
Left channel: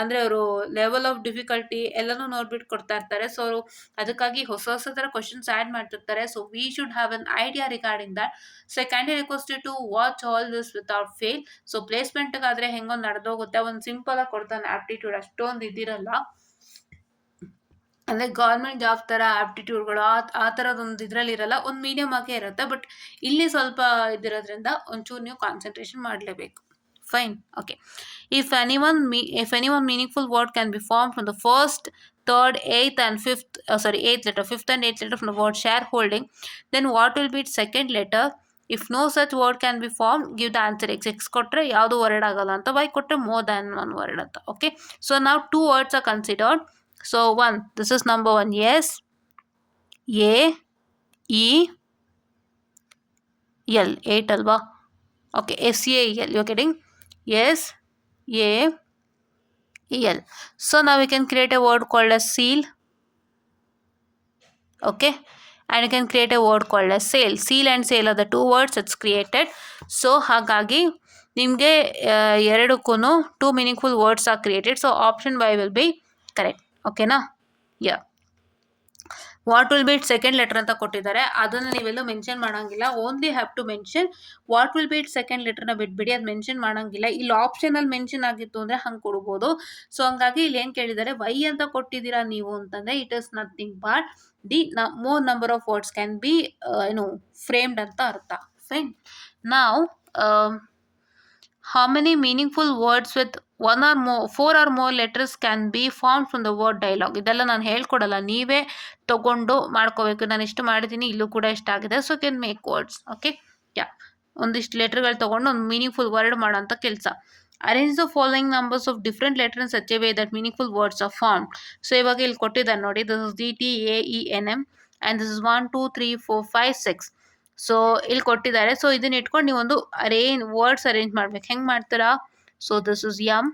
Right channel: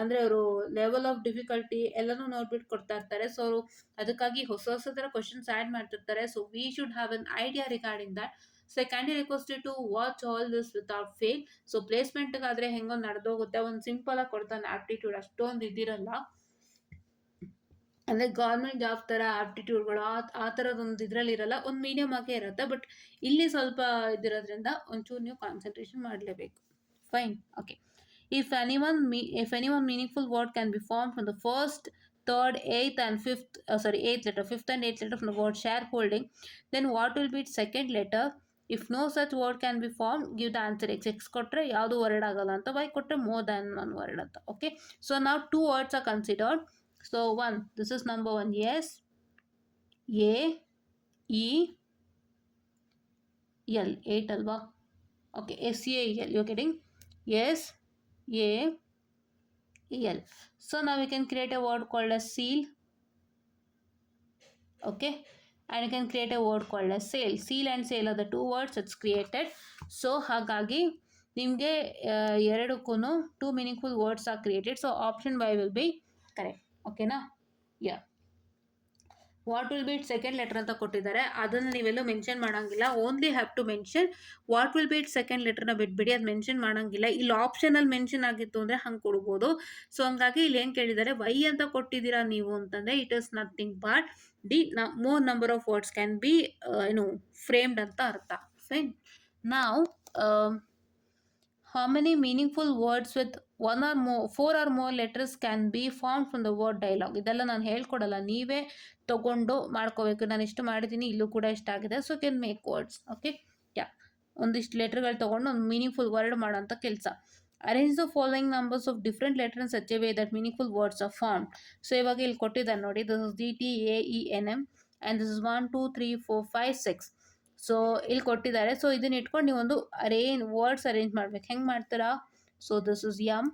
ಅಂದರೆ ಅವರು ಲೆವೆಲ್ ಆಫ್ ಡಿಫಿಕಲ್ಟಿ ಎಲ್ಲನೂ ನೋಡ್ಬಿಟ್ಟು ಕೊಡ್ತಾ ಇರ್ತಾರೆ. ಸೊ ಅವರು ಅದಕ್ಕಾಗಿ ಹೊಸ ಥರ ಕ್ವಶನ್ಸ್ ಆ್ಯಡ್ ಮಾಡ್ತಿರ್ತಾರೆ. So we should have an idea regarding that. So I kindly request to watch all this without fail. So ಪ್ಲೇಸ್ಮೆಂಟ್ಗಾದರೆ ಹೆಂಗೋ ನಡೆದೋಗುತ್ತೆ. ಒಂದು ಸಿಂಪಲಾಗಿ ಕೊಡ್ತಾನೆ ಆಪ್ಟಿಟ್ಯೂಡ್, ಅಷ್ಟೊಂದು ಇದಿರಲ್ಲ. ಅಂದರೆ ಗೌರ್ಮೆಂಟ್ ಜಾಬ್ ಥರ ಆಪ್ಟಿಟ್ಯೂಡ್ಗಳು ಆ ಥರದೊಂದು ಇದರಲ್ಲಿ ಇರಲ್ಲ, ಒಂದು ಮೀಡಿಯಮ್ ಆಗೇ ಇರುತ್ತೆ. ಬಟ್ ಇಲ್ಲಿ ಸ್ವಲ್ಪ ಇದಿರೋದ್ರಿಂದ ಒಂಚೂರು ನೀವು ಕಾನ್ಸಂಟ್ರೇಷನ್ ಮಾಡಲೇಬೇಕು. Fine. Okay. If anyone meaningful word can be formed from the first, third, eighth and fifth, eighth letter, fifth and eighth letter from the word shareholding, then what will be its second letter? If no such word can be formed, give the answer X. X ಕೊಟ್ಟರೆ ಯಾವುದು ವರ್ಡ್ ಆಗಲ್ಲ ಅಂತ, Y ಕೊಟ್ಟರೆ more than one word ಅಂತ. Okay. So now two words are considered. So one, this is number one. Yes, A, E, L. 8 ಅಲ್ವಾ? Okay. SAEL. You're getting? Yes, A, E, L. So now we can create a word called as seal. Okay, and you can create a word called as sail. Seal and sail are the two words that's created. So ಹಾಗಾಗಿ ನಿಮಗೆ ಎರಡಕ್ಕೂ two meaningful words are created. So option Y will be correct. Okay na? Yeah. What will be it second letter ಅಂತ ಕೊಟ್ಟಿದ್ದಾರೆ, ಅದನ್ನು ನೀವೆಲ್ಲೂ mention ಮಾಡೋಂಗಿಲ್ಲ. Only have to mention what will be it second ಲೆಟರ್ನ ಬಿಟ್ಬಿಡಿ, ಅದು ಮೆನ್ಷನ್ ಮಾಡೋಂಗಿಲ್ಲ. ಇಲ್ಲಿ ಆಪ್ಷನಲ್ಲಿ ಮೆನ್ಷನ್ ಆಗಿತ್ತು ಅಂದರೆ ಹಂಗೆ ಕೊಡ್ಬೋದು. ಸೊ ಹಂಗಾಗಿ ಇಲ್ಲಿ ಏನು ಕೇಳಿದ್ದಾರೆ, ವೈ ಅಂತ ಕೊಟ್ಟಿದ್ದೀರಾ ನೀವು ಅಂತಂದರೆ it is nothing but the more number of words can be framed ಅಂತ ಅರ್ಥ. ಫೈನ್. ನಾವು how many meaningful words with 4 or more letters can be formed from the word dialogue? ಇದೆಲ್ಲ ನಾನು ಹೇಳ್ಕೊಡಲ್ಲ, ನೀವೇ ತಗೊಂಡು ಮಾಡ್ಕೋಬೇಕು. ನಾನು ಇಷ್ಟು ಮಾಡಿದ್ದೀನಿ, ಇಲ್ಲೂ ಕೂಡ ಇಷ್ಟಾಗಿದೆ. So can make words. Okay, yeah, ಒಂದಿಷ್ಟು ಲೆಟರ್ಗಳು ತೊಗೊಂಡು ಒಂದು ಮೀನಿಂಗ್ಫುಲ್ ವರ್ಡ್ ಮಾಡೋಂಥ ಕೆಲಸ. Arrange the following numbers of different letter in such a way that meaningful words are form. So ಇವಾಗ ಇಲ್ಲಿ ಕೊಟ್ಟಿದ್ದಾರೆ ನೋಡಿ, this is DTAENM and this is 1 2 3 4 5 6. So ಇಲ್ಲಿ ಕೊಟ್ಟಿದ್ದಾರೆ. ಸೊ ಇದನ್ನ ಇಟ್ಕೊಂಡು ನೀವು ಒಂದು ವರ್ಡ್ಸ್ ಅರೇಂಜ್ ಮಾಡ್ಬೇಕು. ಹೆಂಗೆ ಮಾಡ್ತೀರಾ? So this is MAGNET.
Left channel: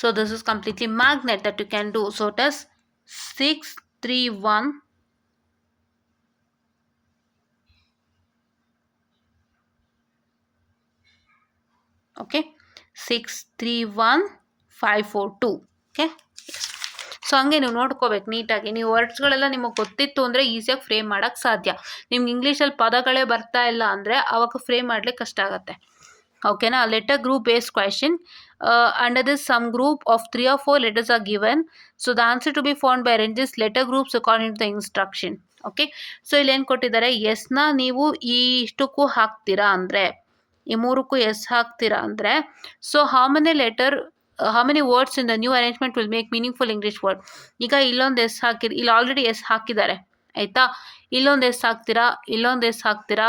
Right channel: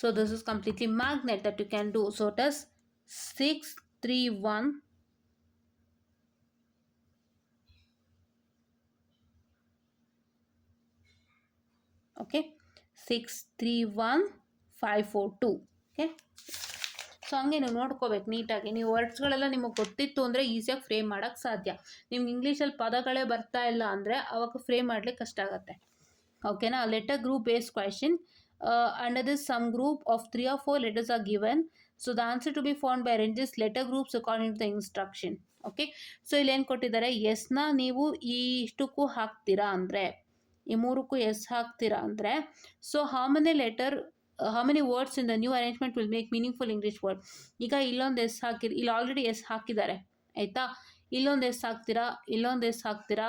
So this is completely magnet that you can do. So it is 6 3 1 okay 6 3 1 5 4 2. ಓಕೆ, ಸೊ ಹಂಗೆ ನೀವು ನೋಡ್ಕೋಬೇಕು ನೀಟಾಗಿ. ನೀವು ವರ್ಡ್ಸ್ಗಳೆಲ್ಲ ನಿಮಗೆ ಗೊತ್ತಿತ್ತು ಅಂದರೆ ಈಸಿಯಾಗಿ ಫ್ರೇಮ್ ಮಾಡೋಕ್ಕೆ ಸಾಧ್ಯ. ನಿಮ್ಗೆ ಇಂಗ್ಲೀಷಲ್ಲಿ ಪದಗಳೇ ಬರ್ತಾ ಇಲ್ಲ ಅಂದರೆ ಆವಾಗ ಫ್ರೇಮ್ ಮಾಡಲಿಕ್ಕೆ ಕಷ್ಟ ಆಗುತ್ತೆ. ಓಕೆನಾ? Letter group based question. Under this some group of 3 or 4 letters are given. So the answer to be found by arranges letter groups according to the instruction. Okay, so ಇಲ್ಲಿ ಏನು ಕೊಟ್ಟಿದ್ದಾರೆ, ಎಸ್ನ ನೀವು ಈ ಇಷ್ಟಕ್ಕೂ ಹಾಕ್ತೀರಾ ಅಂದರೆ, ಈ ಮೂರಕ್ಕೂ ಎಸ್ ಹಾಕ್ತೀರಾ ಅಂದರೆ, so how many words in the new arrangement will make meaningful English word? ಈಗ ಇಲ್ಲೊಂದು ಎಸ್ ಇಲ್ಲಿ ಆಲ್ರೆಡಿ ಎಸ್ ಹಾಕಿದ್ದಾರೆ ಆಯಿತಾ. ಇಲ್ಲೊಂದು ಎಸ್ ಹಾಕ್ತೀರಾ, ಇಲ್ಲೊಂದು ಎಸ್ ಹಾಕ್ತೀರಾ,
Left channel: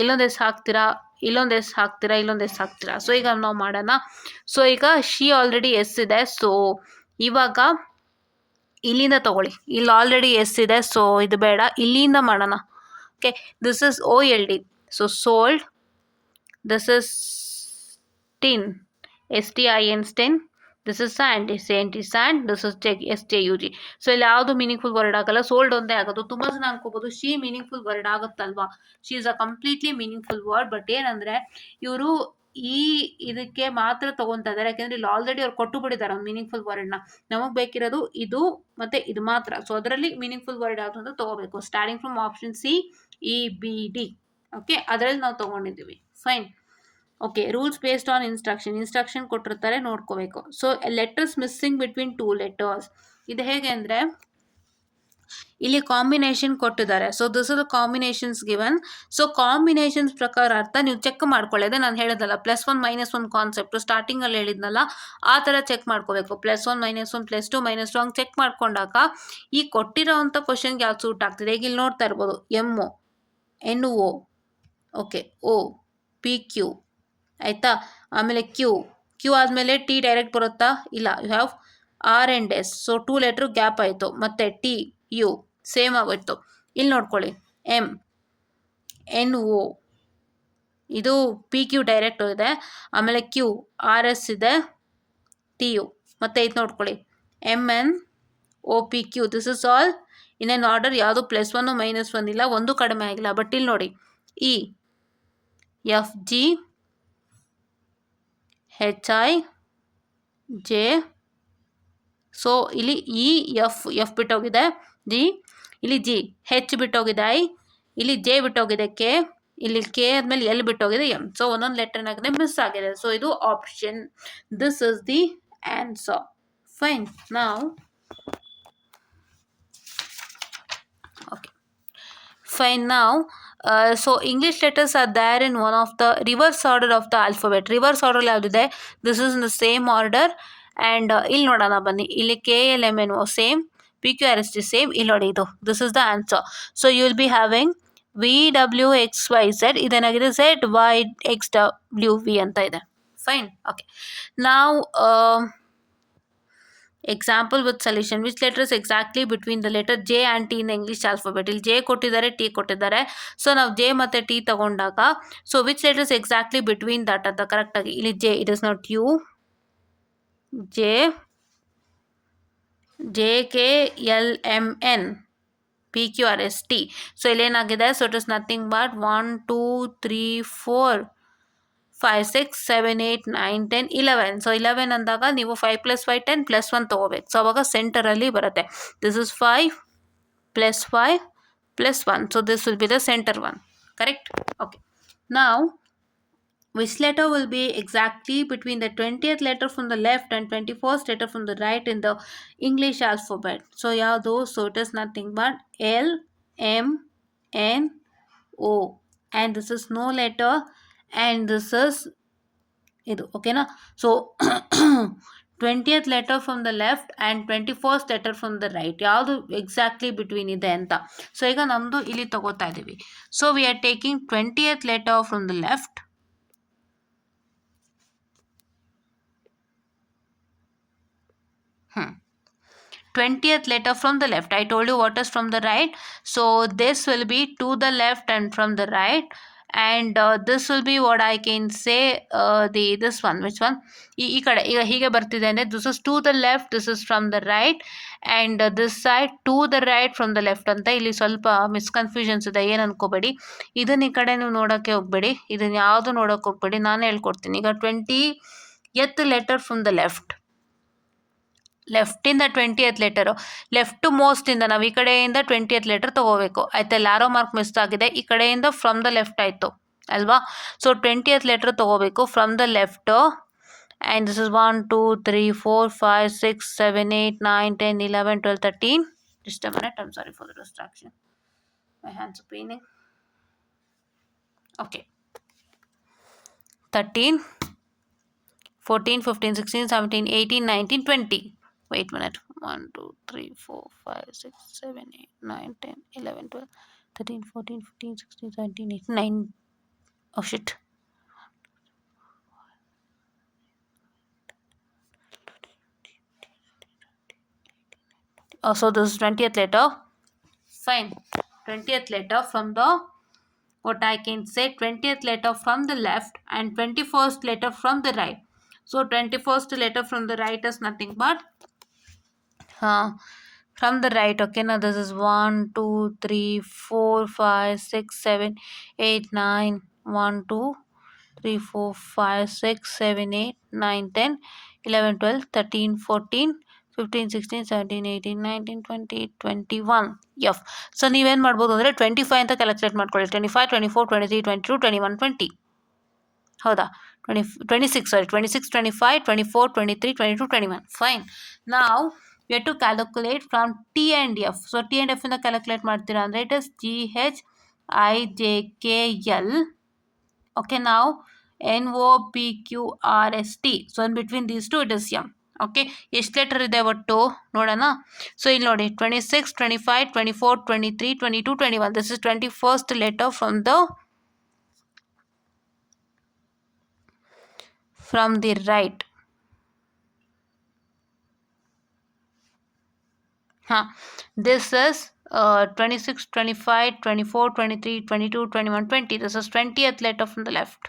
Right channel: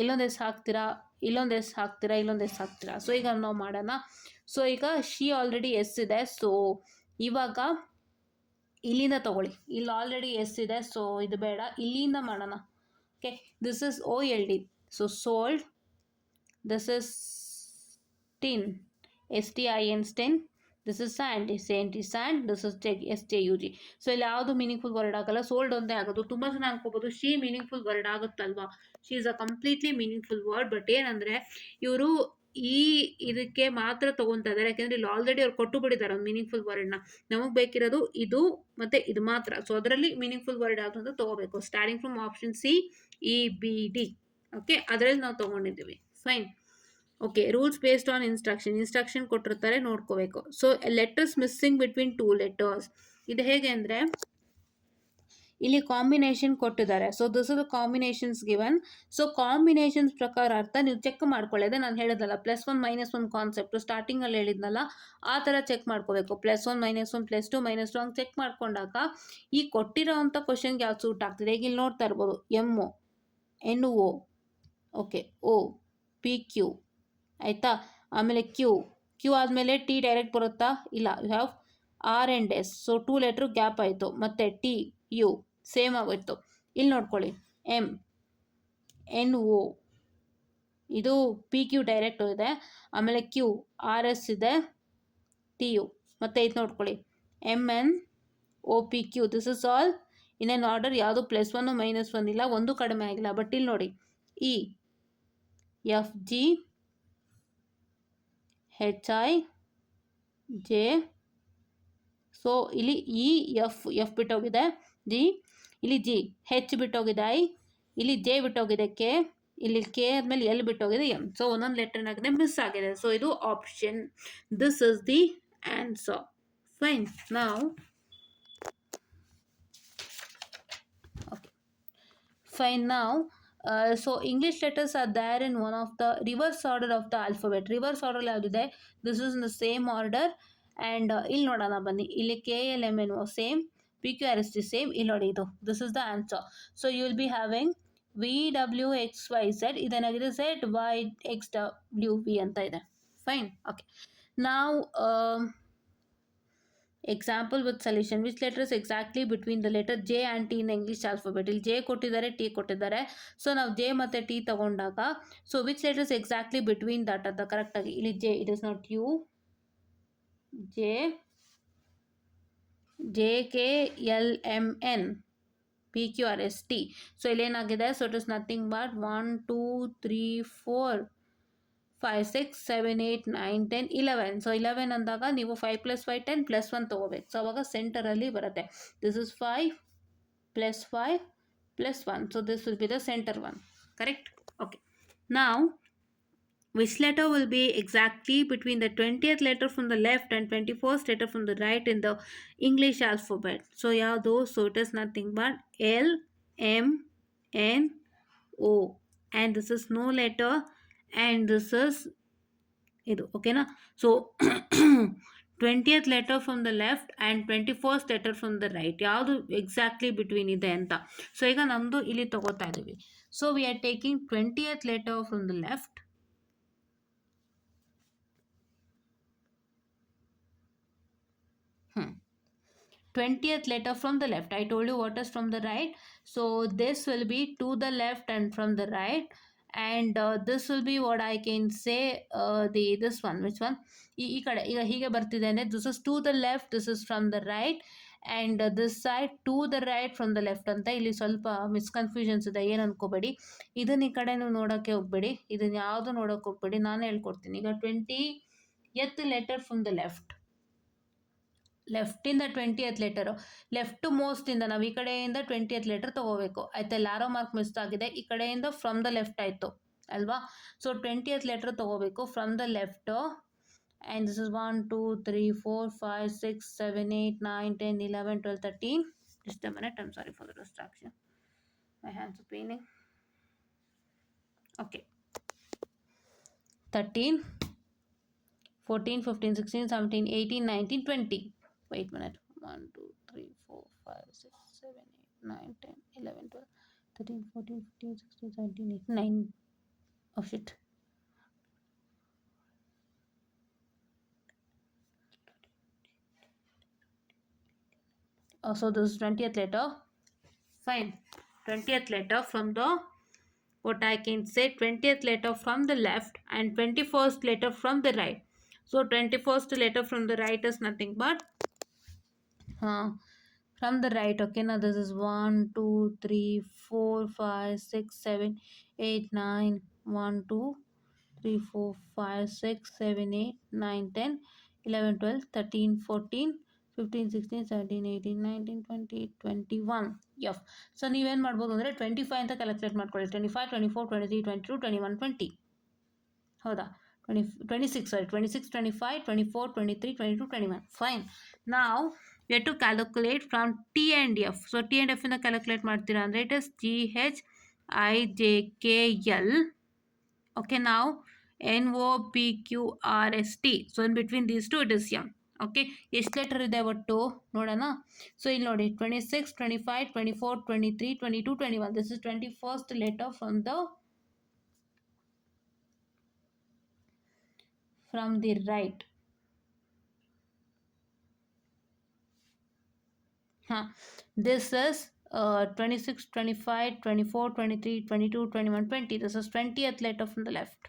ಇಲ್ಲೊಂದು ಎಸ್ ಹಾಕ್ತೀರಾ, ಇಲ್ಲೊಂದು ಎಸ್ ಹಾಕ್ತೀರಾ, ಇಲ್ಲೊಂದು ಎಸ್ ಹಾಕ್ತೀರಾ. ಸೊ ಈಗ ನಾವು ಮಾಡೋಣ. ಸೊ ಈಗ ಶಿ ಆಲ್ರೆಡಿ ಎಸ್ ಇದೆ. ಸೊ ಇವಾಗ ಇಲ್ಲಿಂದ ತಗೊಳ್ಳಿ, ಇಲ್ಲಿ ಆಲ್ರೆಡಿ ಎಸ್ ಇದೆ. ಸೊ ಇದು ಬೇಡ, ಇಲ್ಲಿಂದ ಮಾಡೋಣ. Okay, this is OLD. So sold, this is tin. STIN stin. This is sand, SANT sand, this is SJUG. ಸೊ ಇಲ್ಲಿ ಯಾವುದು ಮೀನಿಂಗ್ಫುಲ್ ವರ್ಡ್ ಆಗಲ್ಲ, ಸೋಲ್ಡ್ ಒಂದೇ ಆಗೋದು. ತುಂಬ ಜನ ಅನ್ಕೋಬೋದು ಶಿ ಮೀನಿಂಗ್ಫುಲ್ ವರ್ಡ್ ಆಗುತ್ತಲ್ವಾ, she is a completely meaningful word. But ಏನಂದರೆ ಇವರು ಇದಕ್ಕೆ ಮಾತ್ರ ತಗೊತಾ ಇದ್ದಾರೆ, ಯಾಕೆಂದರೆ ಇಲ್ಲಿ ಆಲ್ರೆಡಿ ಅವ್ರು ಕೊಟ್ಟು ಬಿಟ್ಟಿದ್ದಾರೆ ಒಂದು ಮೀನಿಂಗ್ಫುಲ್ ವರ್ಡ್ನ. ನಮಗೆ ಬೇಕಿರೋದು ಇದು ಮತ್ತು ಇದು ಮಾತ್ರ. ಸೊ ಅದರಲ್ಲಿ ಮೀನಿಂಗ್ಫುಲ್ ವರ್ಡ್ ಯಾವುದು ಅಂತ ತಗೋಬೇಕು. Starting from option C, EBD. Okay, ಅದರಲ್ಲಿ ನಾವು ತೊಗೊಂಡಿದ್ದೀವಿ. Fine. Okay, rules based on instruction ಕೊಟ್ಟಿರ್ತಾರೆ, ನೋಡ್ಕೋಬೇಕು. So letters missing between 2 letters. ಇದು ಹೇಗೆ ಅಂದರೆ ಇಲ್ಲಿ ಕಾಂಬಿನೇಷನ್ ಕೊಟ್ಟಿದ್ದಾರೆ. So this is combinations given. So combinations ಪ್ರಕಾರ ಅರ್ಥ ನೀವು ಚೆಕ್ ಮಾಡ್ಕೊಳ್ಳೋದೆ. ನಾನು ಹೇಳಿದ್ನಲ್ಲ +1 -1 ಕಾನ್ಸೆಪ್ಟ್ ಸ್ಟಾರ್ಟಿಂಗಲ್ಲಿ ಹೇಳಿದ್ನಲ್ಲ, ಆ ಥರ ಚೆಕ್ ಮಾಡ್ಕೋಬೇಕು. +1 -1 +2 -2 ಹಂಗೆ ಚೆಕ್ ಮಾಡ್ಕೊಂಡಾಗ ಈ ಕೊಟ್ಟಿರೋವಂಥ ಕ್ವಶನ್ಗೆ ಯಾವ್ದು ಸೂಟ್ ಆಗ್ತದೆ. ಈಗ ಇಲ್ಲಿ ನೋಡ್ತಾ ಇರ್ಬೋದು, MO, NO, okay, O, PQ, ಆಯಿತಾ. ಆಮೇಲೆ ಕ್ಯೂ ಆದಮೇಲೆ T ಡೈರೆಕ್ಟ್ ಬರುತ್ತಾ? ಇಲ್ಲ. You have R and S. So 2 letter gap ಆಯಿತು. ಮತ್ತು TU ಸೇಮ್ ಆಗೋಯ್ತು. ಇಲ್ಲಿ ನೋಡ್ಕೊಳ್ಳಿ, MNO, ಇದು PQ ಡೈರೆಕ್ಟ್ ಇದೆ. ಆಮೇಲೆ QRS ಇದೆ, TU. ಮತ್ತು ಇದು ನೋಡ್ಕೊಳ್ಳಿ, MNOPQ. This is all in on order. ಯಾವುದು +1 -1 ಇಲ್ಲ, ಒಂದು ಕಡಿಮೆ ಆಗಿಲ್ಲ. ಬಟ್ ಇಲ್ಲಿ ನೋಡಿ, EFG HIJ. ಸೊ ಇಲ್ಲಿ ಎಫ್ ಬಿಟ್ಟೋಗಿದೆ, ಜಿ, ಇಲ್ಲಿ G, H ಬಿಟ್ಟೋಗಿದೆ, I, ಇಲ್ಲಿ J ಬಿಟ್ಟೋಗಿದೆ, K, ಇಲ್ಲಿ K ಆದಮೇಲೆ L ಬಿಟ್ಟೋಗಿದೆ, M. ಸೊ ಒಂದೊಂದು ಲೆಟರ್ ಏನಾಗಿದೆ, ಮಿಸ್ ಆಗಿದೆ. ಸೊ ಇದು option. This is the answer. Fine. ನಾವು ಓಕೆ, ಫೈನ್. ನಾವು so English letters are there in one of the reverse order of the alphabet. Reverse order ಯಾವುದಿದೆ? This is in the same order. And ಇಲ್ಲಿ ನೋಡೋಣ ಬನ್ನಿ, ಇಲ್ಲಿ KLMNO same, PQRST same. ಇಲ್ಲಿ ನೋಡಿ, ಇದು this is the answer. So you will be having VWXYZ. ಇದೇನಾಗಿದೆ? ZYXWV ಅಂತ ಇದೆ. ಫೈನ್. ಓಕೆ, ನಾವು example with solution. Which letters exactly between the letter J and T in English alphabet. ಇಲ್ಲಿ J ಕೊಟ್ಟಿದ್ದಾರೆ, T ಕೊಟ್ಟಿದ್ದಾರೆ. ಸೊ ನಾವು J ಮತ್ತು T ತಗೊಂಡಾಗ, so which letters exactly between that ಅಂತ ಕರೆಕ್ಟಾಗಿ. ಇಲ್ಲಿ J, it is not U, JKLMN, PQRST. So ಇಲ್ಲೇನಾಗಿದೆ? So it is nothing but 1 2 3 4 5 6 7 8 9 10 11. ಸೊ 11 ಅಂದಾಗ ನೀವು 5 + 5 10 +1 ತೊಗೋಬೇಕು. ಸೊ ಅವಾಗ ಸೆಂಟರಲ್ಲಿ ಬರುತ್ತೆ. This is 5 + 5 + 1. So this will be the centre one. Correct? Okay. ನಾವು which letter will be exactly between the 20th letter from the left and 21st letter from the right in the English alphabet? So ಯಾವುದು? So it is nothing but L, M, N, O, and this is no letter, and this is ಇದು. ಓಕೆನಾ? So 20th letter from the left and 21st letter from the right, ಯಾವುದು exactly between ಇದೆ ಅಂತ. ಸೊ ಈಗ ನಮ್ಮದು ಇಲ್ಲಿ ತಗೋತಾ ಇದ್ದೀವಿ. So we are taking 20th letter from the left, 20th letter from the left. I told you what is from the right. So this will be to the left and from the right. And this will be what I can say, this one. Which one? ಈ ಕಡೆ ಈಗ ಹೀಗೆ ಬರ್ತಿದೆ ಅಂದರೆ this is to the left, this is from the right, and this side to the right from the left ಅಂತ. ಇಲ್ಲಿ ಸ್ವಲ್ಪ ಮಿಸ್ಕನ್ಫ್ಯೂಷನ್ಸ್ ಇದೆ, ಏನು ಅನ್ಕೋಬೇಡಿ. ಇದನ್ನ ಈ ಕಡೆ ನೀವು ನೋಡೋಕ್ಕೆ ಹೋಗಬೇಡಿ, ಇದನ್ನು ಯಾವುದು ನೋಡೋಕ್ಕೆ ಹೋಗಬೇಡಿ, ನಾನು ಹೇಳ್ಕೊಡ್ತೀನಿ. ಈಗ 20th ಲೆಟರ್ ಫ್ರಮ್ ದ ಲೆಫ್ಟಿಂದ 20th ಲೆಟರು, ಲೆಫ್ಟ್ ಮೋಸ್ಟಿಂದ ನಾವು ಈ ಕಡೆಯಿಂದ 20th ಲೆಟರ್ ತೊಗೋಬೇಕು. ಆಯ್ತಾ? ಲ್ಯಾರೋ ಮಾರ್ಕ್ ಮಿಸ್ ಆಗಿದೆ, ಈ ಕಡೆಯಿಂದ ಫ್ರಮ್ ದ ಲೆಫ್ಟ್ ಆಯಿತು ಅಲ್ವಾ? ಸೊ 20th ಲೆಟರ್ ತೊಗೋಬೇಕು from the left. And this is 1 2 3 4 5 6 7 8 9 10 11 12 13. Just a minute, I'm sorry for the distraction. My hands are paining. Okay. 13, 14, 15, 16, 17, 18, 19, 20. Wait a minute. 1 2 3 4 5 6 7 8 9 10 11 12 13 14 15 16 17 18 9. Oh shit. Oh, so this is 20th letter. Fine. 20th letter from the what I can say, 20th letter from the left and 21st letter from the right. So 21st letter from the right is nothing but uh, from the right. Okay, now this is 1 2 3 4 5 6 7 8 9 1 2 3 4 5 6 7 8 9 10 11 12 13 14 15 16 17 18 19 20 21. Of. So ನೀವೇನು ಮಾಡ್ಬೋದು ಅಂದರೆ 25 ಅಂತ ಕ್ಯಾಲ್ಕುಲೇಟ್ ಮಾಡ್ಕೊಳ್ಳಿ. 25 24 23 22 21 20. ಹೌದಾ? 26, sorry, 26 25 24 23 22 21. Fine. Now we have to calculate from T and F. So T and F ಇಂದ ಕ್ಯಾಲ್ಕುಲೇಟ್ ಮಾಡ್ತೀರಾ ಅಂದರೆ it is GHIJKL. Okay, now NOPQRST. So in between these two it is M. Okay, ಎಷ್ಟು ಲೆಟರ್ ಇದೆ ಒಟ್ಟು ನೋಡೋಣ. ಸೊ ಇಲ್ಲಿ ನೋಡಿ 26 25 24 23 22 21. This is 21st letter from the right. This is 26 25 24 23 22 21 20. This is 20th letter from the left.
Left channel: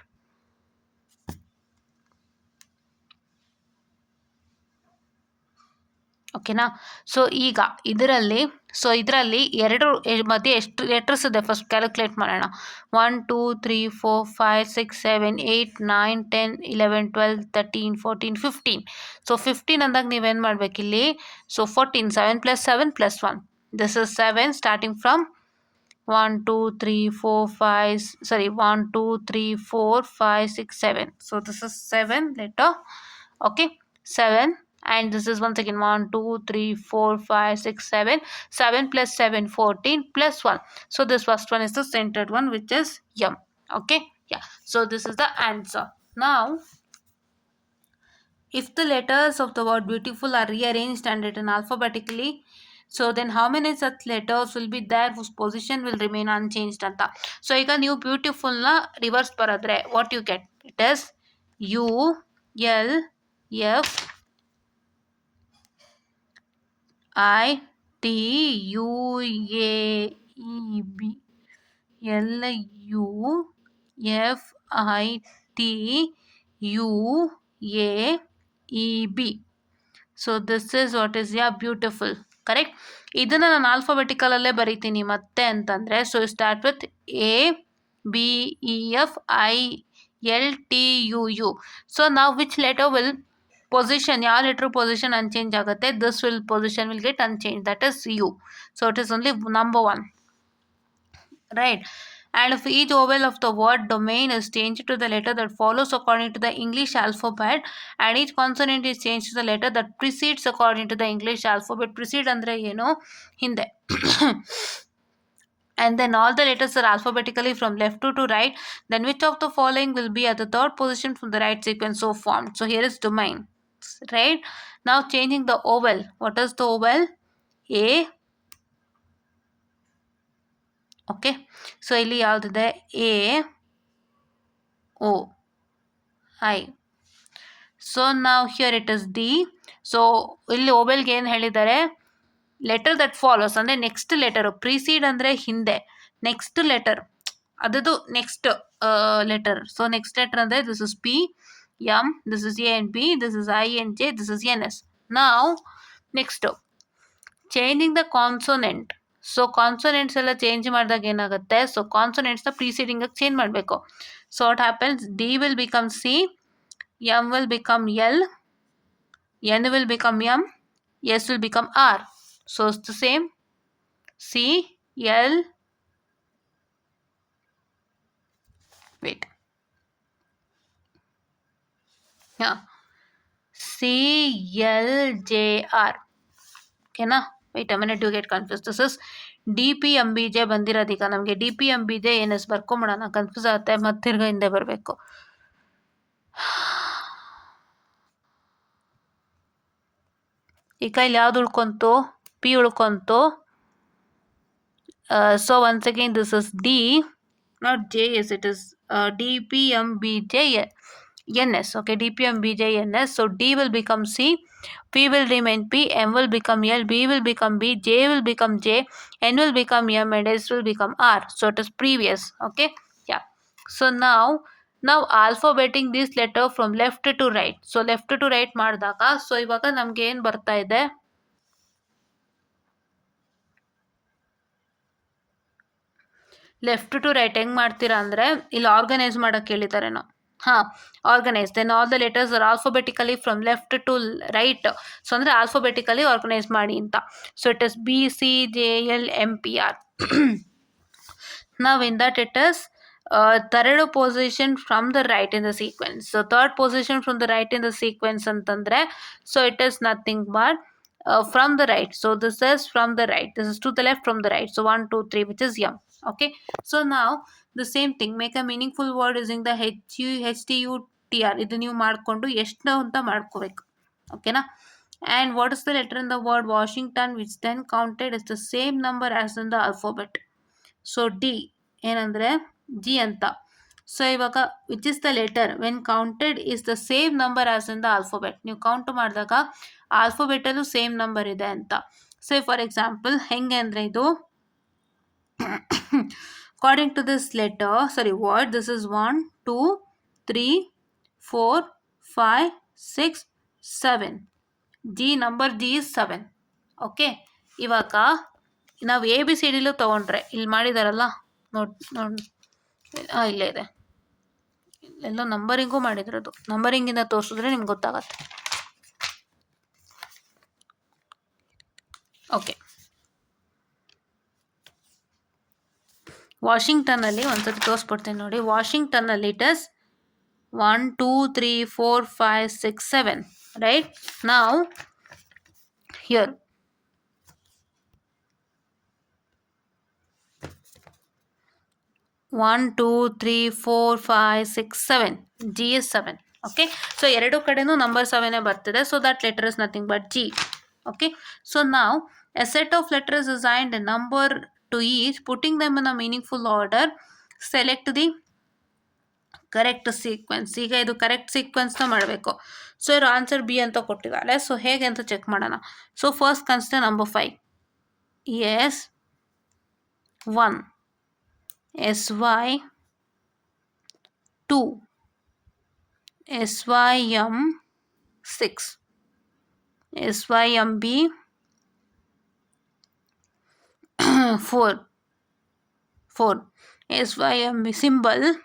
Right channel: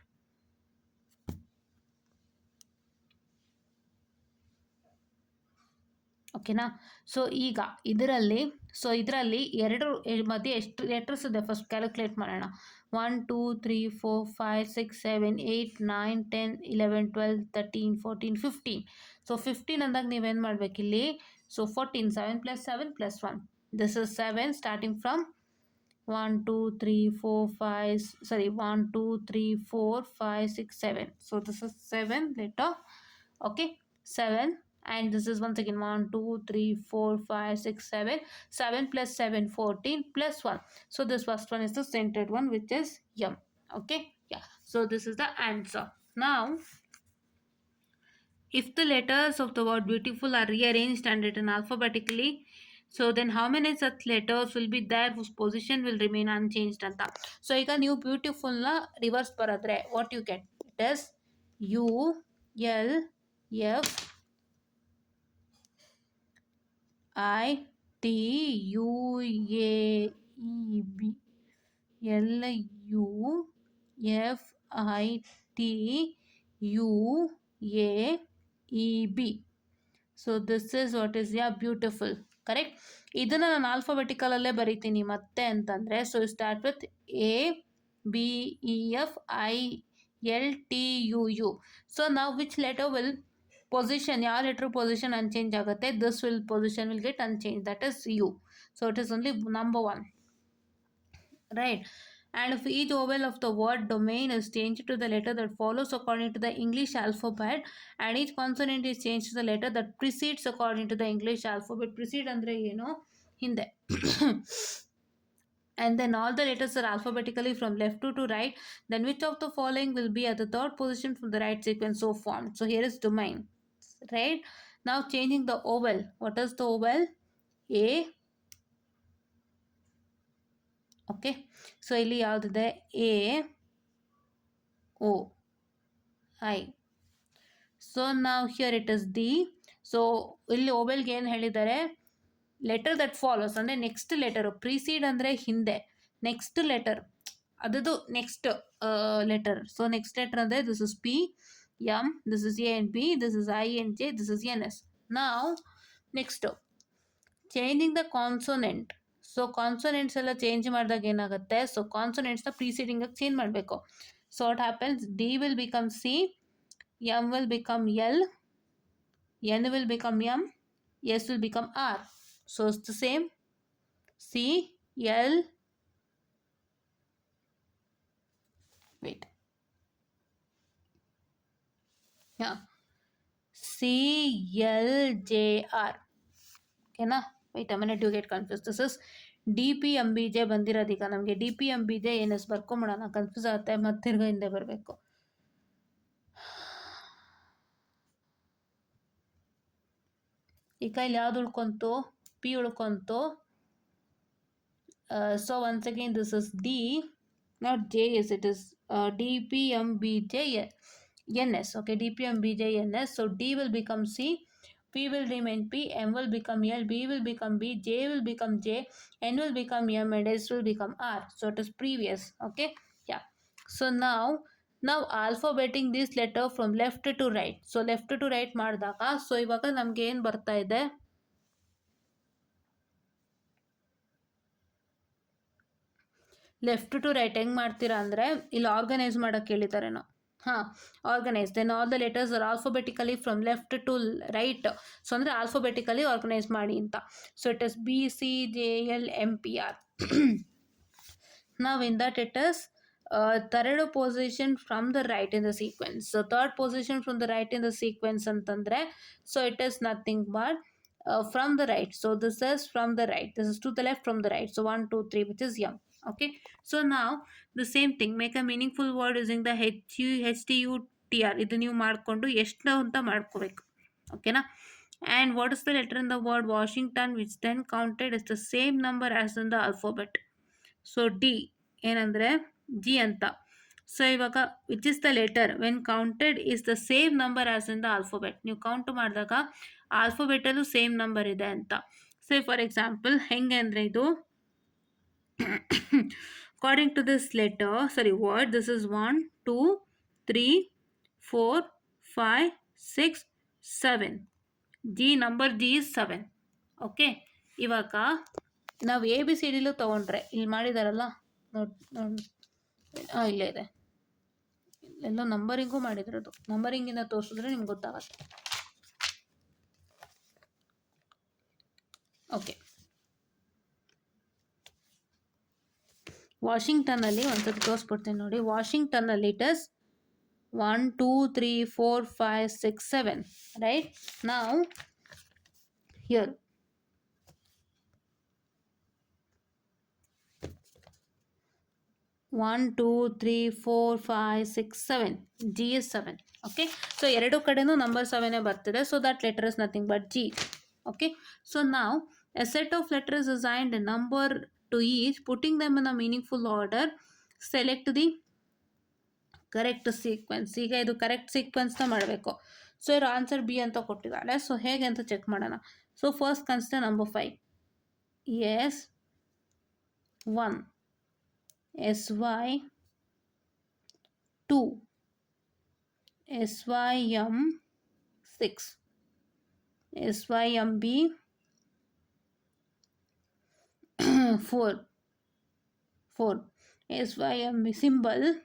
ಓಕೆನಾ? ಸೊ ಈಗ ಇದರಲ್ಲಿ ಎರಡು ಮಧ್ಯೆ ಎಷ್ಟು ಲೆಟರ್ಸ್ ಇದೆ ಫಸ್ಟ್ ಕ್ಯಾಲ್ಕುಲೇಟ್ ಮಾಡೋಣ. 1 2 3 4 5 6 7 8 9 10 11 12 13 14 15. ಸೊ 15 ಅಂದಾಗ ನೀವೇನು ಮಾಡಬೇಕಿಲ್ಲಿ? So 14 7 + 7 + 1. This is 7 starting from 1 2 3 4 5 sorry 1 2 3 4 5 6 7. So this is 7 letter. Okay, 7. And this is once again 1 2 3 4 5 6 7. 7 + 7 14 + 1. So this first one is the centered one, which is M. Okay, yeah. So this is the answer. Now if the letters of the word beautiful are rearranged and written alphabetically, so then how many such letters will be there whose position will remain unchanged ಅಂತ. ಸೊ ಈಗ ನೀವು ಬ್ಯೂಟಿಫುಲ್ನ ರಿವರ್ಸ್ ಬರೆದ್ರೆ what you get? It is U L F I T U A E B. L U F I T U A E B. So this is what is beautiful. Correct. ಇದನ್ನು ನಾನು ಆಲ್ಫಾಬೆಟಿಕಲಲ್ಲೇ ಬರೀತೀನಿ ಮತ್ತೆ ಅಂತಂದರೆ, so start with ABEFILTUU. So ನಾವು which letter will position, ಯಾವ letter position unchange ಆಗುತ್ತೆ? This will position will get unchange, that is U. So it is only number 1, right? And if each vowel of the word domain is changed to the letter that follows according to the English alphabet, and each consonant is changed to the letter that precedes according to the English alphabet. Precede andre ಏನು? ಹಿಂದೆ. And then all the letters are alphabetically from left to right. Then which of the following will be at the third position from the right sequence so formed? So here is domain, right? Now changing the vowel. What is the vowel? A. Okay, so ಇಲ್ಲಿ ಯಾವುದಿದೆ? AOI. So ನಾವು here it is D. So ಇಲ್ಲಿ ಓವೆಲ್ಗೆ ಏನು ಹೇಳಿದ್ದಾರೆ? Letter that follows ಅಂದರೆ next letter. Precede ಅಂದರೆ ಹಿಂದೆ, ನೆಕ್ಸ್ಟ್ ಲೆಟರ್ ಅದದು next letter. So next letter ಅಂದರೆ this is P M, this is A and B, this is I and J, this is NS. ನಾವು next changing the consonant. So consonants ಎಲ್ಲ change ಮಾಡಿದಾಗ ಏನಾಗುತ್ತೆ? So ಕಾನ್ಸೋನೆಂಟ್ಸ್ನ ಪ್ರೀಸೀಡಿಂಗಾಗಿ ಚೇಂಜ್ ಮಾಡಬೇಕು. So what happens? D will become C, M will become L, N will become M, S will become R. So it's the same. C L wait yeah CLJR. ಓಕೆನಾ? Wait a minute, you get confuse. This is DPMBJ ಬಂದಿರೋದು. ಈಗ ನಮಗೆ DPMBJ NS ಬರ್ಕೊಂಬಿಡೋಣ, ಕನ್ಫ್ಯೂಸ್ ಆಗುತ್ತೆ, ಮತ್ತೆ ತಿರ್ಗಾ ಹಿಂದೆ ಬರಬೇಕು. ಈಗ ಇಲ್ಲಿ ಯಾವ್ದು ಉಳ್ಕೊಂತು? P ಉಳ್ಕೊಂತು. So once again this is D, not JS, it is DPMBJ NS. Okay, DPMBJ NS. So D will become C, P will remain P, M will become L, B will become B, J will become J, N will become M, and S will become R. So it is previous. Okay. Yeah. So now alphabeting this letter from left to right. So left to right ಮಾಡಿದಾಗ ಸೊ ಇವಾಗ ನಮ್ಗೆ ಏನು ಬರ್ತಾ ಇದೆ, left to right ಹೆಂಗೆ ಮಾಡ್ತೀರಾ ಅಂದರೆ ಇಲ್ಲಿ ಆರ್ಗನೈಸ್ ಮಾಡೋಕ್ಕೆ ಹೇಳಿದ್ದಾರೆ ನಾವು. ಹಾಂ, organise them all the letters are alphabetically from left to right. So ಅಂದರೆ ಆಲ್ಫಾಬೆಟಿಕಲಿ ಆರ್ಗನೈಸ್ ಮಾಡಿ ಅಂತ. So it is BCJLMPR. Now in that it is third position from the right in the sequence. So third position from the right in the sequence ಅಂತಂದರೆ so it is nothing but from the right. So this is from the right, this is to the left from the right. So 1 2 3 which is M. Okay. So now the same thing, make a meaningful word using the HTUTR. ಇದು ನೀವು ಮಾಡಿಕೊಂಡು ಎಷ್ಟು ಅಂತ ಮಾಡ್ಕೋಬೇಕು. ಓಕೆನಾ. And what is the letter in the word Washington which then counted as the same number as in the alphabet? So D ಏನಂದರೆ ಜಿ ಅಂತ. ಸೊ ಇವಾಗ which is the letter when counted is the same number as in the alphabet. ನೀವು ಕೌಂಟ್ ಮಾಡಿದಾಗ ಆಲ್ಫಾಬೆಟಲ್ಲೂ same number ಇದೆ ಅಂತ. So for example ಹೆಂಗೆ ಅಂದರೆ ಇದು according to this letter word, this is 1 2 3 4 5 6 7. G number G is 7. Okay. ಇವಾಗ ನಾವು ABCDಲೂ ತೊಗೊಂಡ್ರೆ ಇಲ್ಲಿ ಮಾಡಿದಾರಲ್ಲ ನೋಡಿ ಇಲ್ಲೇ ಇದೆ, ಎಲ್ಲ ನಂಬರಿಂಗು ಮಾಡಿದ್ರದು. ನಂಬರಿಂಗಿಂದ ತೋರಿಸಿದ್ರೆ ನಿಮ್ಗೆ ಗೊತ್ತಾಗತ್ತೆ. ಓಕೆ. ವಾಷಿಂಗ್ಟನ್ನಲ್ಲಿ ಒಂದ್ಸತಿ ತೋರಿಸ್ಬಿಡ್ತೀನಿ ನೋಡಿ. ವಾಷಿಂಗ್ಟನ್ನಲ್ಲಿ ಇಟ್ ಇಸ್ 1 2 3 4 5 6 7. ರೈಟ್. ನಾವು ಹಿಯರ್ 1 2 3 4 5 6 7. G is 7. Okay. So ಎರಡು ಕಡೆನೂ ನಂಬರ್ 7 ಬರ್ತಿದೆ. So that letter is nothing but G. Okay. So now a set of letters assigned a number to each, putting them in a meaningful order. Select the correct sequence. ಈಗ ಇದು ಕರೆಕ್ಟ್ ಸೀಕ್ವೆನ್ಸ್ನ ಮಾಡಬೇಕು. ಸೊ ಇವ್ರು answer B ಅಂತ ಕೊಟ್ಟಿದ್ದಾರೆ. ಸೊ ಹೇಗೆ ಅಂತ check ಮಾಡೋಣ. So first consider number 5. S 1, SY 2, SYM 6, SYMB 4, SYMB symbolic,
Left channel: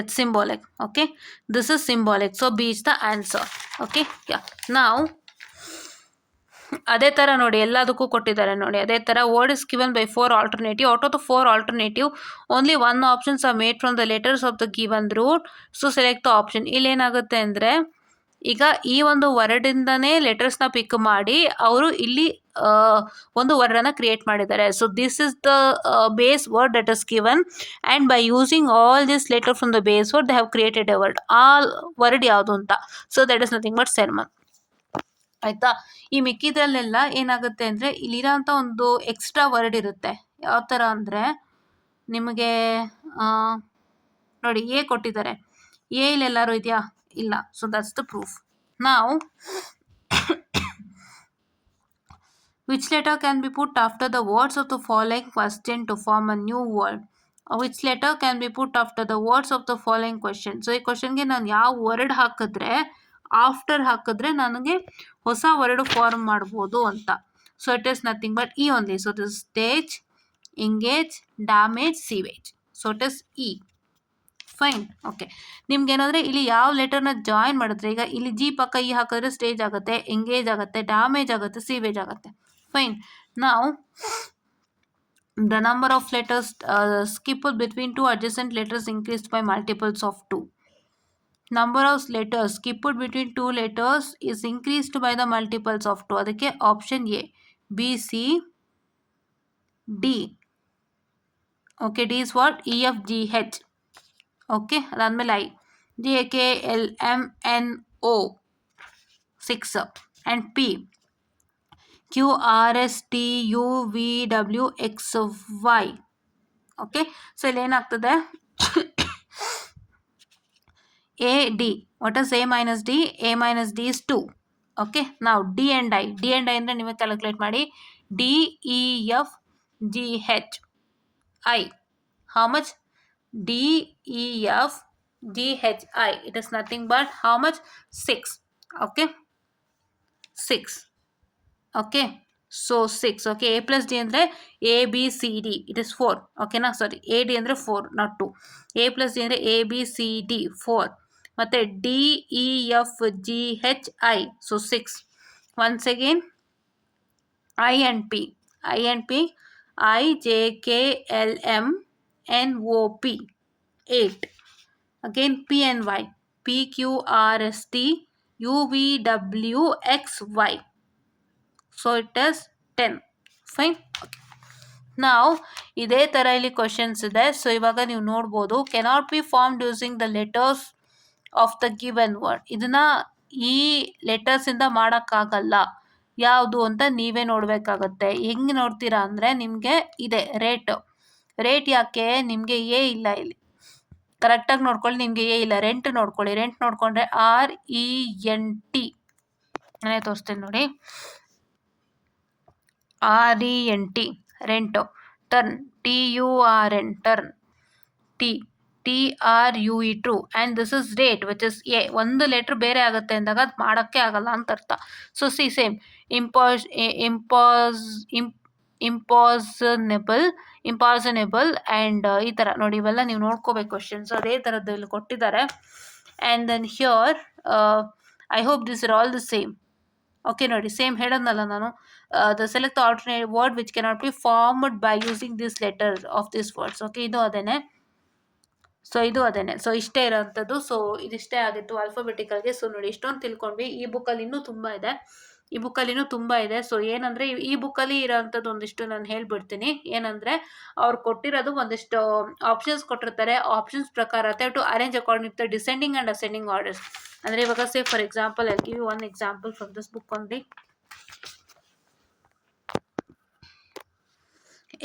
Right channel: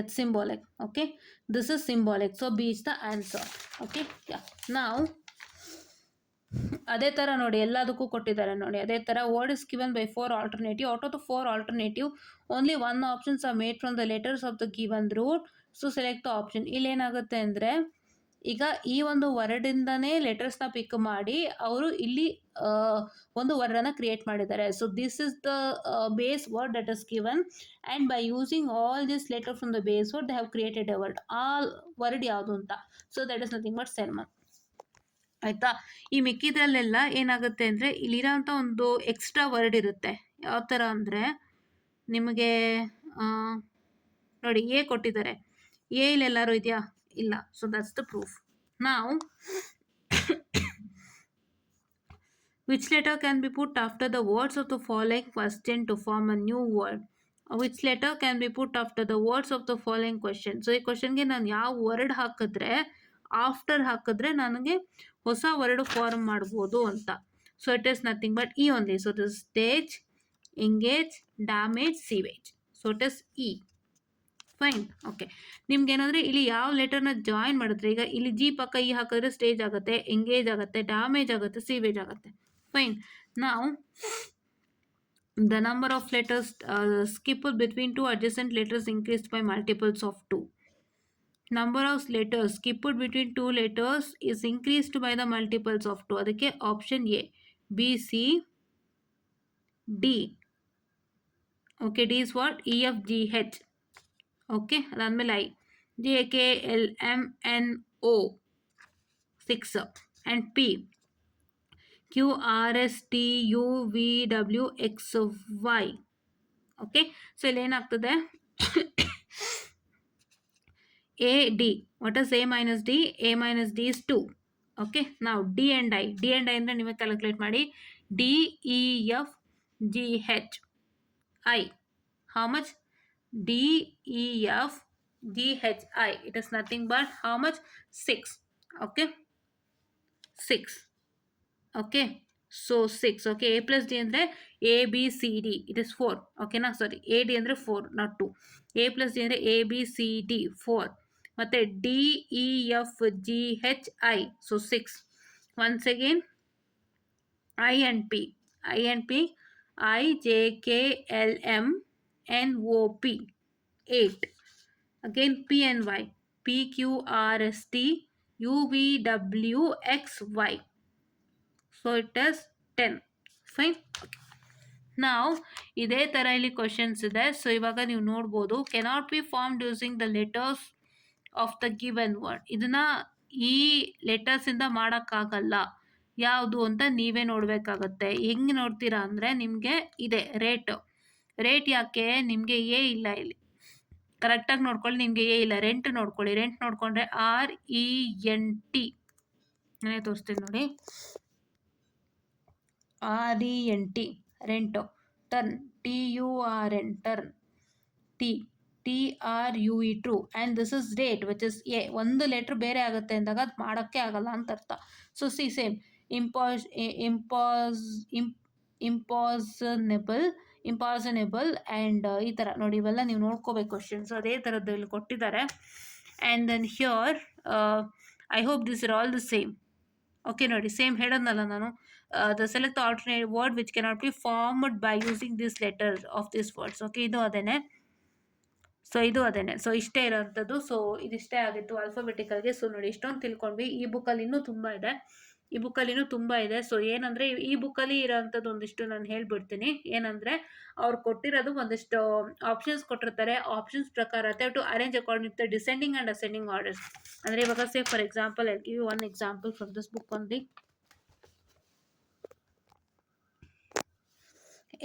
it's symbolic. Okay, this is symbolic, so B is the answer. Okay. Yeah. Now ಅದೇ ಥರ ನೋಡಿ ಎಲ್ಲದಕ್ಕೂ ಕೊಟ್ಟಿದ್ದಾರೆ ನೋಡಿ. ಅದೇ ಥರ word is given by 4 alternative. Out of the 4 alternative only 1 options are made from the letters of the given root. So select the option. ಇಲ್ಲೇನಾಗುತ್ತೆ ಅಂದರೆ ಈಗ ಈ ಒಂದು ವರ್ಡಿಂದನೇ ಲೆಟರ್ಸ್ನ ಪಿಕ್ ಮಾಡಿ ಅವರು ಇಲ್ಲಿ ಒಂದು ವರ್ಡನ್ನು ಕ್ರಿಯೇಟ್ ಮಾಡಿದ್ದಾರೆ. So this is the base word that is given and by using all this letter from the base word they have created a word. ಆ ವರ್ಡ್ ಯಾವುದು ಅಂತ. So that is nothing but sermon. ಆಯಿತಾ. ಈ ಮಿಕ್ಕಿದ್ರಲ್ಲೆಲ್ಲ ಏನಾಗುತ್ತೆ ಅಂದರೆ ಇಲ್ಲಿರೋಂಥ ಒಂದು ಎಕ್ಸ್ಟ್ರಾ ವರ್ಡ್ ಇರುತ್ತೆ. ಯಾವ ಥರ ಅಂದರೆ ನಿಮಗೆ ನೋಡಿ ಎ ಕೊಟ್ಟಿದ್ದಾರೆ. ಎ ಇಲ್ಲೆಲ್ಲರೂ ಇದೆಯಾ? ಇಲ್ಲ. So that's the proof. ನಾವು which letter can be put after the words of the following question to form a new word? Which letter can be put after the words of the following question? So ಈ ಕ್ವಶನ್ಗೆ ನಾನು ಯಾವ ವರ್ಡ್ ಹಾಕಿದ್ರೆ ಆಫ್ಟರ್ ಹಾಕಿದ್ರೆ ನನಗೆ ಹೊಸ word form ಮಾಡ್ಬೋದು ಅಂತ. So it is nothing but E only. So it is stage, engage, damage, sewage. So it is E. Fine. Okay. ನಿಮ್ಗೆ ಏನಂದರೆ ಇಲ್ಲಿ ಯಾವ ಲೆಟರ್ನ ಜಾಯಿನ್ ಮಾಡಿದ್ರೆ ಈಗ ಇಲ್ಲಿ ಜಿ ಪಕ್ಕ ಇ ಹಾಕಿದ್ರೆ ಸ್ಟೇಜ್ ಆಗುತ್ತೆ, ಎಂಗೇಜ್ ಆಗುತ್ತೆ, ಡ್ಯಾಮೇಜ್ ಆಗುತ್ತೆ, ಸೀವೇಜ್ ಆಗುತ್ತೆ. Fine. Now, the number of letters skipped between two adjacent letters increased by multiples of 2. Number of letters skipped between two letters is increased by the multiples of 2. ಅದಕ್ಕೆ option A, B, C, D. Okay, D is what? E, F, G, H. Okay, ಅದಾದಮೇಲೆ I, J, K, L, M, N, O 6 and P, Q, R, S, T, U, V, W, X, Y. Okay. So ಇಲ್ಲಿ ಏನಾಗ್ತದೆ, A, D. What is A minus D? A minus D is 2. Okay. Now D and I. D and I ಅಂದರೆ ನೀವೇ ಕ್ಯಾಲ್ಕುಲೇಟ್ ಮಾಡಿ. D, E, F, G, H, I. How much? D, E, F, G, H, I. It is nothing but how much? 6. Okay. 6. Okay. So 6. Okay. A plus D ಅಂದರೆ A, B, C, D. It is 4. Okay ನಾ ಸಾರಿ A, D ಅಂದರೆ 4 not 2. A plus D ಅಂದರೆ A, B, C, D 4. ಮತ್ತೆ D, E, F, G, H, I. So 6. Once again I and P. I and P. I, J, K, L, M, N, O, P. 8. Again P and Y. P, Q, R, S, T, U, V, W, X, Y. So it is 10. Fine. ನಾವು ಇದೇ ಥರ ಇಲ್ಲಿ ಕ್ವಶನ್ಸ್ ಇದೆ. ಸೊ ಇವಾಗ ನೀವು ನೋಡ್ಬೋದು cannot be formed using the letters of the given word. ಇದನ್ನ ಈ ಲೆಟರ್ಸಿಂದ ಮಾಡೋಕ್ಕಾಗಲ್ಲ. ಯಾವುದು ಅಂತ ನೀವೇ ನೋಡಬೇಕಾಗತ್ತೆ. ಹೆಂಗೆ ನೋಡ್ತೀರಾ ಅಂದರೆ ನಿಮಗೆ ಇದೆ ರೇಟ್ ಯಾಕೆ ನಿಮಗೆ ಎ ಇಲ್ಲ ಇಲ್ಲಿ. ಕರೆಕ್ಟಾಗಿ ನೋಡ್ಕೊಳ್ಳಿ, ನಿಮಗೆ ಎ ಇಲ್ಲ. ರೆಂಟ್ ನೋಡ್ಕೊಳ್ಳಿ. ರೆಂಟ್ ನೋಡಿಕೊಂಡ್ರೆ RENT. ನಾನೇ ತೋರಿಸ್ತೀನಿ ನೋಡಿ. RENT rent. Turn TURN turn. TRUE true. And this is rate which is A. ಒಂದು ಲೆಟ್ರ್ ಬೇರೆ ಆಗುತ್ತೆ ಅಂದಾಗ ಅದು ಮಾಡೋಕ್ಕೆ ಆಗಲ್ಲ ಅಂತ ಅರ್ಥ. So C same impossible and ಈ ಥರ ನೋಡಿ, ಇವೆಲ್ಲ ನೀವು ನೋಡ್ಕೋಬೇಕು ಕ್ವಶನ್ಸ್. ಅದೇ ಥರದಲ್ಲಿ ಕೊಟ್ಟಿದ್ದಾರೆ. And then here I hope this are all the same. Okay ನೋಡಿ, ಸೇಮ್ ಹೇಳೋದ್ನಲ್ಲ ನಾನು. The select the alternate word which cannot be formed by using these letters of these words. Okay, ಇದು ಅದೇನೆ. ಸೊ ಇಷ್ಟೇ ಇರೋಂಥದ್ದು. ಸೊ ಇದಿಷ್ಟೇ ಆಗಿತ್ತು ಆಲ್ಫಾಬೆಟಿಕಲ್ಗೆ. ಸೊ ನೋಡಿ, ಇಷ್ಟೊಂದು ತಿಳ್ಕೊಂಡ್ವಿ. ಈ ಬುಕ್ಕಲ್ಲಿ ಇನ್ನೂ ತುಂಬ ಇದೆ. ಸೊ ಏನಂದರೆ ಈ ಬುಕ್ಕಲ್ಲಿ ಇರೋಂಥದ್ದು ಒಂದಿಷ್ಟು ನಾನು ಹೇಳ್ಬಿಡ್ತೀನಿ. ಏನಂದರೆ ಅವ್ರು ಕೊಟ್ಟಿರೋದು ಒಂದಿಷ್ಟು ಆಪ್ಷನ್ಸ್ ಕೊಟ್ಟಿರ್ತಾರೆ. ಆಪ್ಷನ್ಸ್ ಪ್ರಕಾರ to arrange according to descending and ascending orders. ಅಂದರೆ ಇವಾಗ say for example I give you one example from this book only.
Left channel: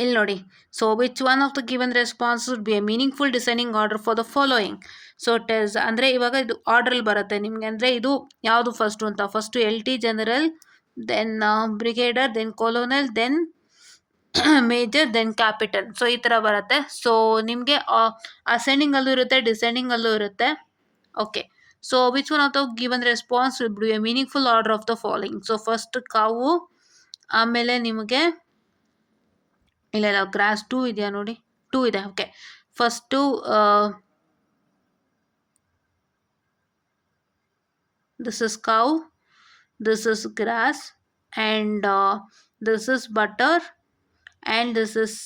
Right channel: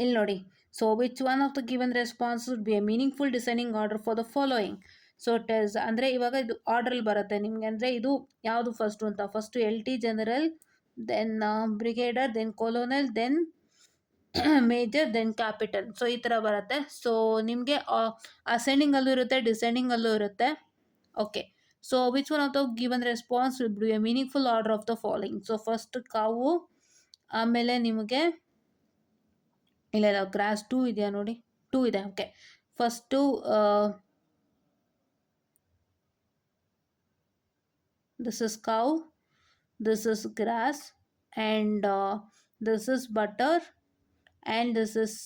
ಇಲ್ಲಿ ನೋಡಿ. So which one of the given response would be a meaningful designing order for the following. So it is ಅಂದರೆ ಇವಾಗ ಇದು ಆರ್ಡ್ರಲ್ಲಿ ಬರುತ್ತೆ ನಿಮಗೆ. ಅಂದರೆ ಇದು ಯಾವುದು ಫಸ್ಟು ಅಂತ. First LT general, then brigadier, then colonel, then major, then capital. So ಈ ಥರ ಬರುತ್ತೆ. ಸೊ ನಿಮಗೆ ಅಸೆಂಡಿಂಗಲ್ಲೂ ಇರುತ್ತೆ, ಡಿಸೆಂಡಿಂಗಲ್ಲೂ ಇರುತ್ತೆ. Okay. So which one of the given response would be a meaningful order of the following. So first cow, ಆಮೇಲೆ ನಿಮಗೆ ಇಲ್ಲ ಗ್ರಾಸ್ 2 ಇದೆಯಾ ನೋಡಿ, 2 ಇದೆ. Okay, first this is cow, this is grass, and this is butter, and this is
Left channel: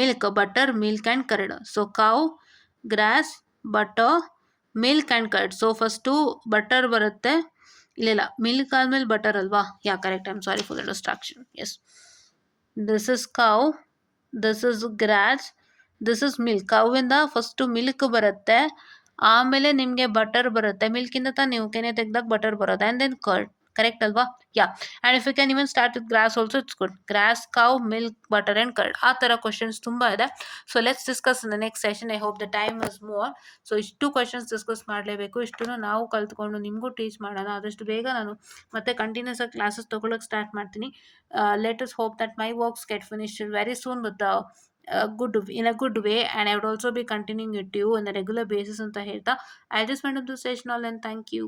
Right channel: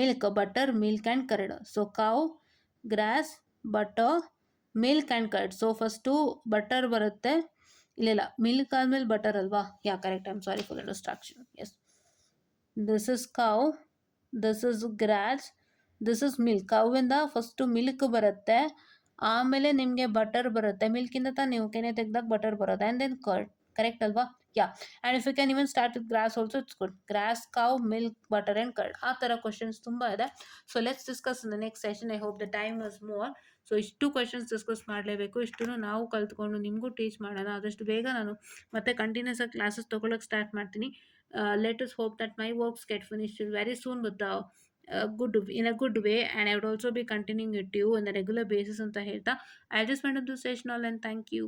milk. Butter, milk and curd. So cow, grass, butter, milk and curd. So first butter ಬರುತ್ತೆ. ಇಲ್ಲ milk ಆದಮೇಲೆ butter ಅಲ್ವಾ? Yeah correct. I am sorry for the distraction. Yes, this is cow, this is grass, this is milk. ಕೌವಿಂದ first milk ಬರುತ್ತೆ, ಆಮೇಲೆ ನಿಮಗೆ ಬಟರ್ ಬರುತ್ತೆ. ಮಿಲ್ಕಿಂದ ತಾನು ನೀವು ಕೆನೆ ತೆಗೆದಾಗ ಬಟರ್ ಬರೋದು, ಆ್ಯಂಡ್ ದೆನ್ ಕರ್ಡ್. ಕರೆಕ್ಟ್ ಅಲ್ವಾ? Yeah. And if you can even start with grass also it's good. Grass, cow, milk, butter and curd. ಆ ಥರ ಕ್ವಶನ್ಸ್ ತುಂಬ ಇದೆ. So let's discuss in the next session. I hope the time is more. So ಇಷ್ಟು questions discuss ಮಾಡಲೇಬೇಕು. ಇಷ್ಟನ್ನು ನಾವು ಕಲ್ತ್ಕೊಂಡು ನಿಮಗೂ ಟೀಚ್ ಮಾಡೋಣ. ಆದಷ್ಟು ಬೇಗ ನಾನು ಮತ್ತೆ ಕಂಟಿನ್ಯೂಸ್ ಆಗಿ ಕ್ಲಾಸಸ್ ತೊಗೊಳಕ್ಕೆ ಸ್ಟಾರ್ಟ್ ಮಾಡ್ತೀನಿ. Let us hope that my works get finished very soon with in a good way, and I would also be continuing with you on a regular basis. ಅಂತ ಹೇಳ್ತಾ I just went up this session all, and thank you.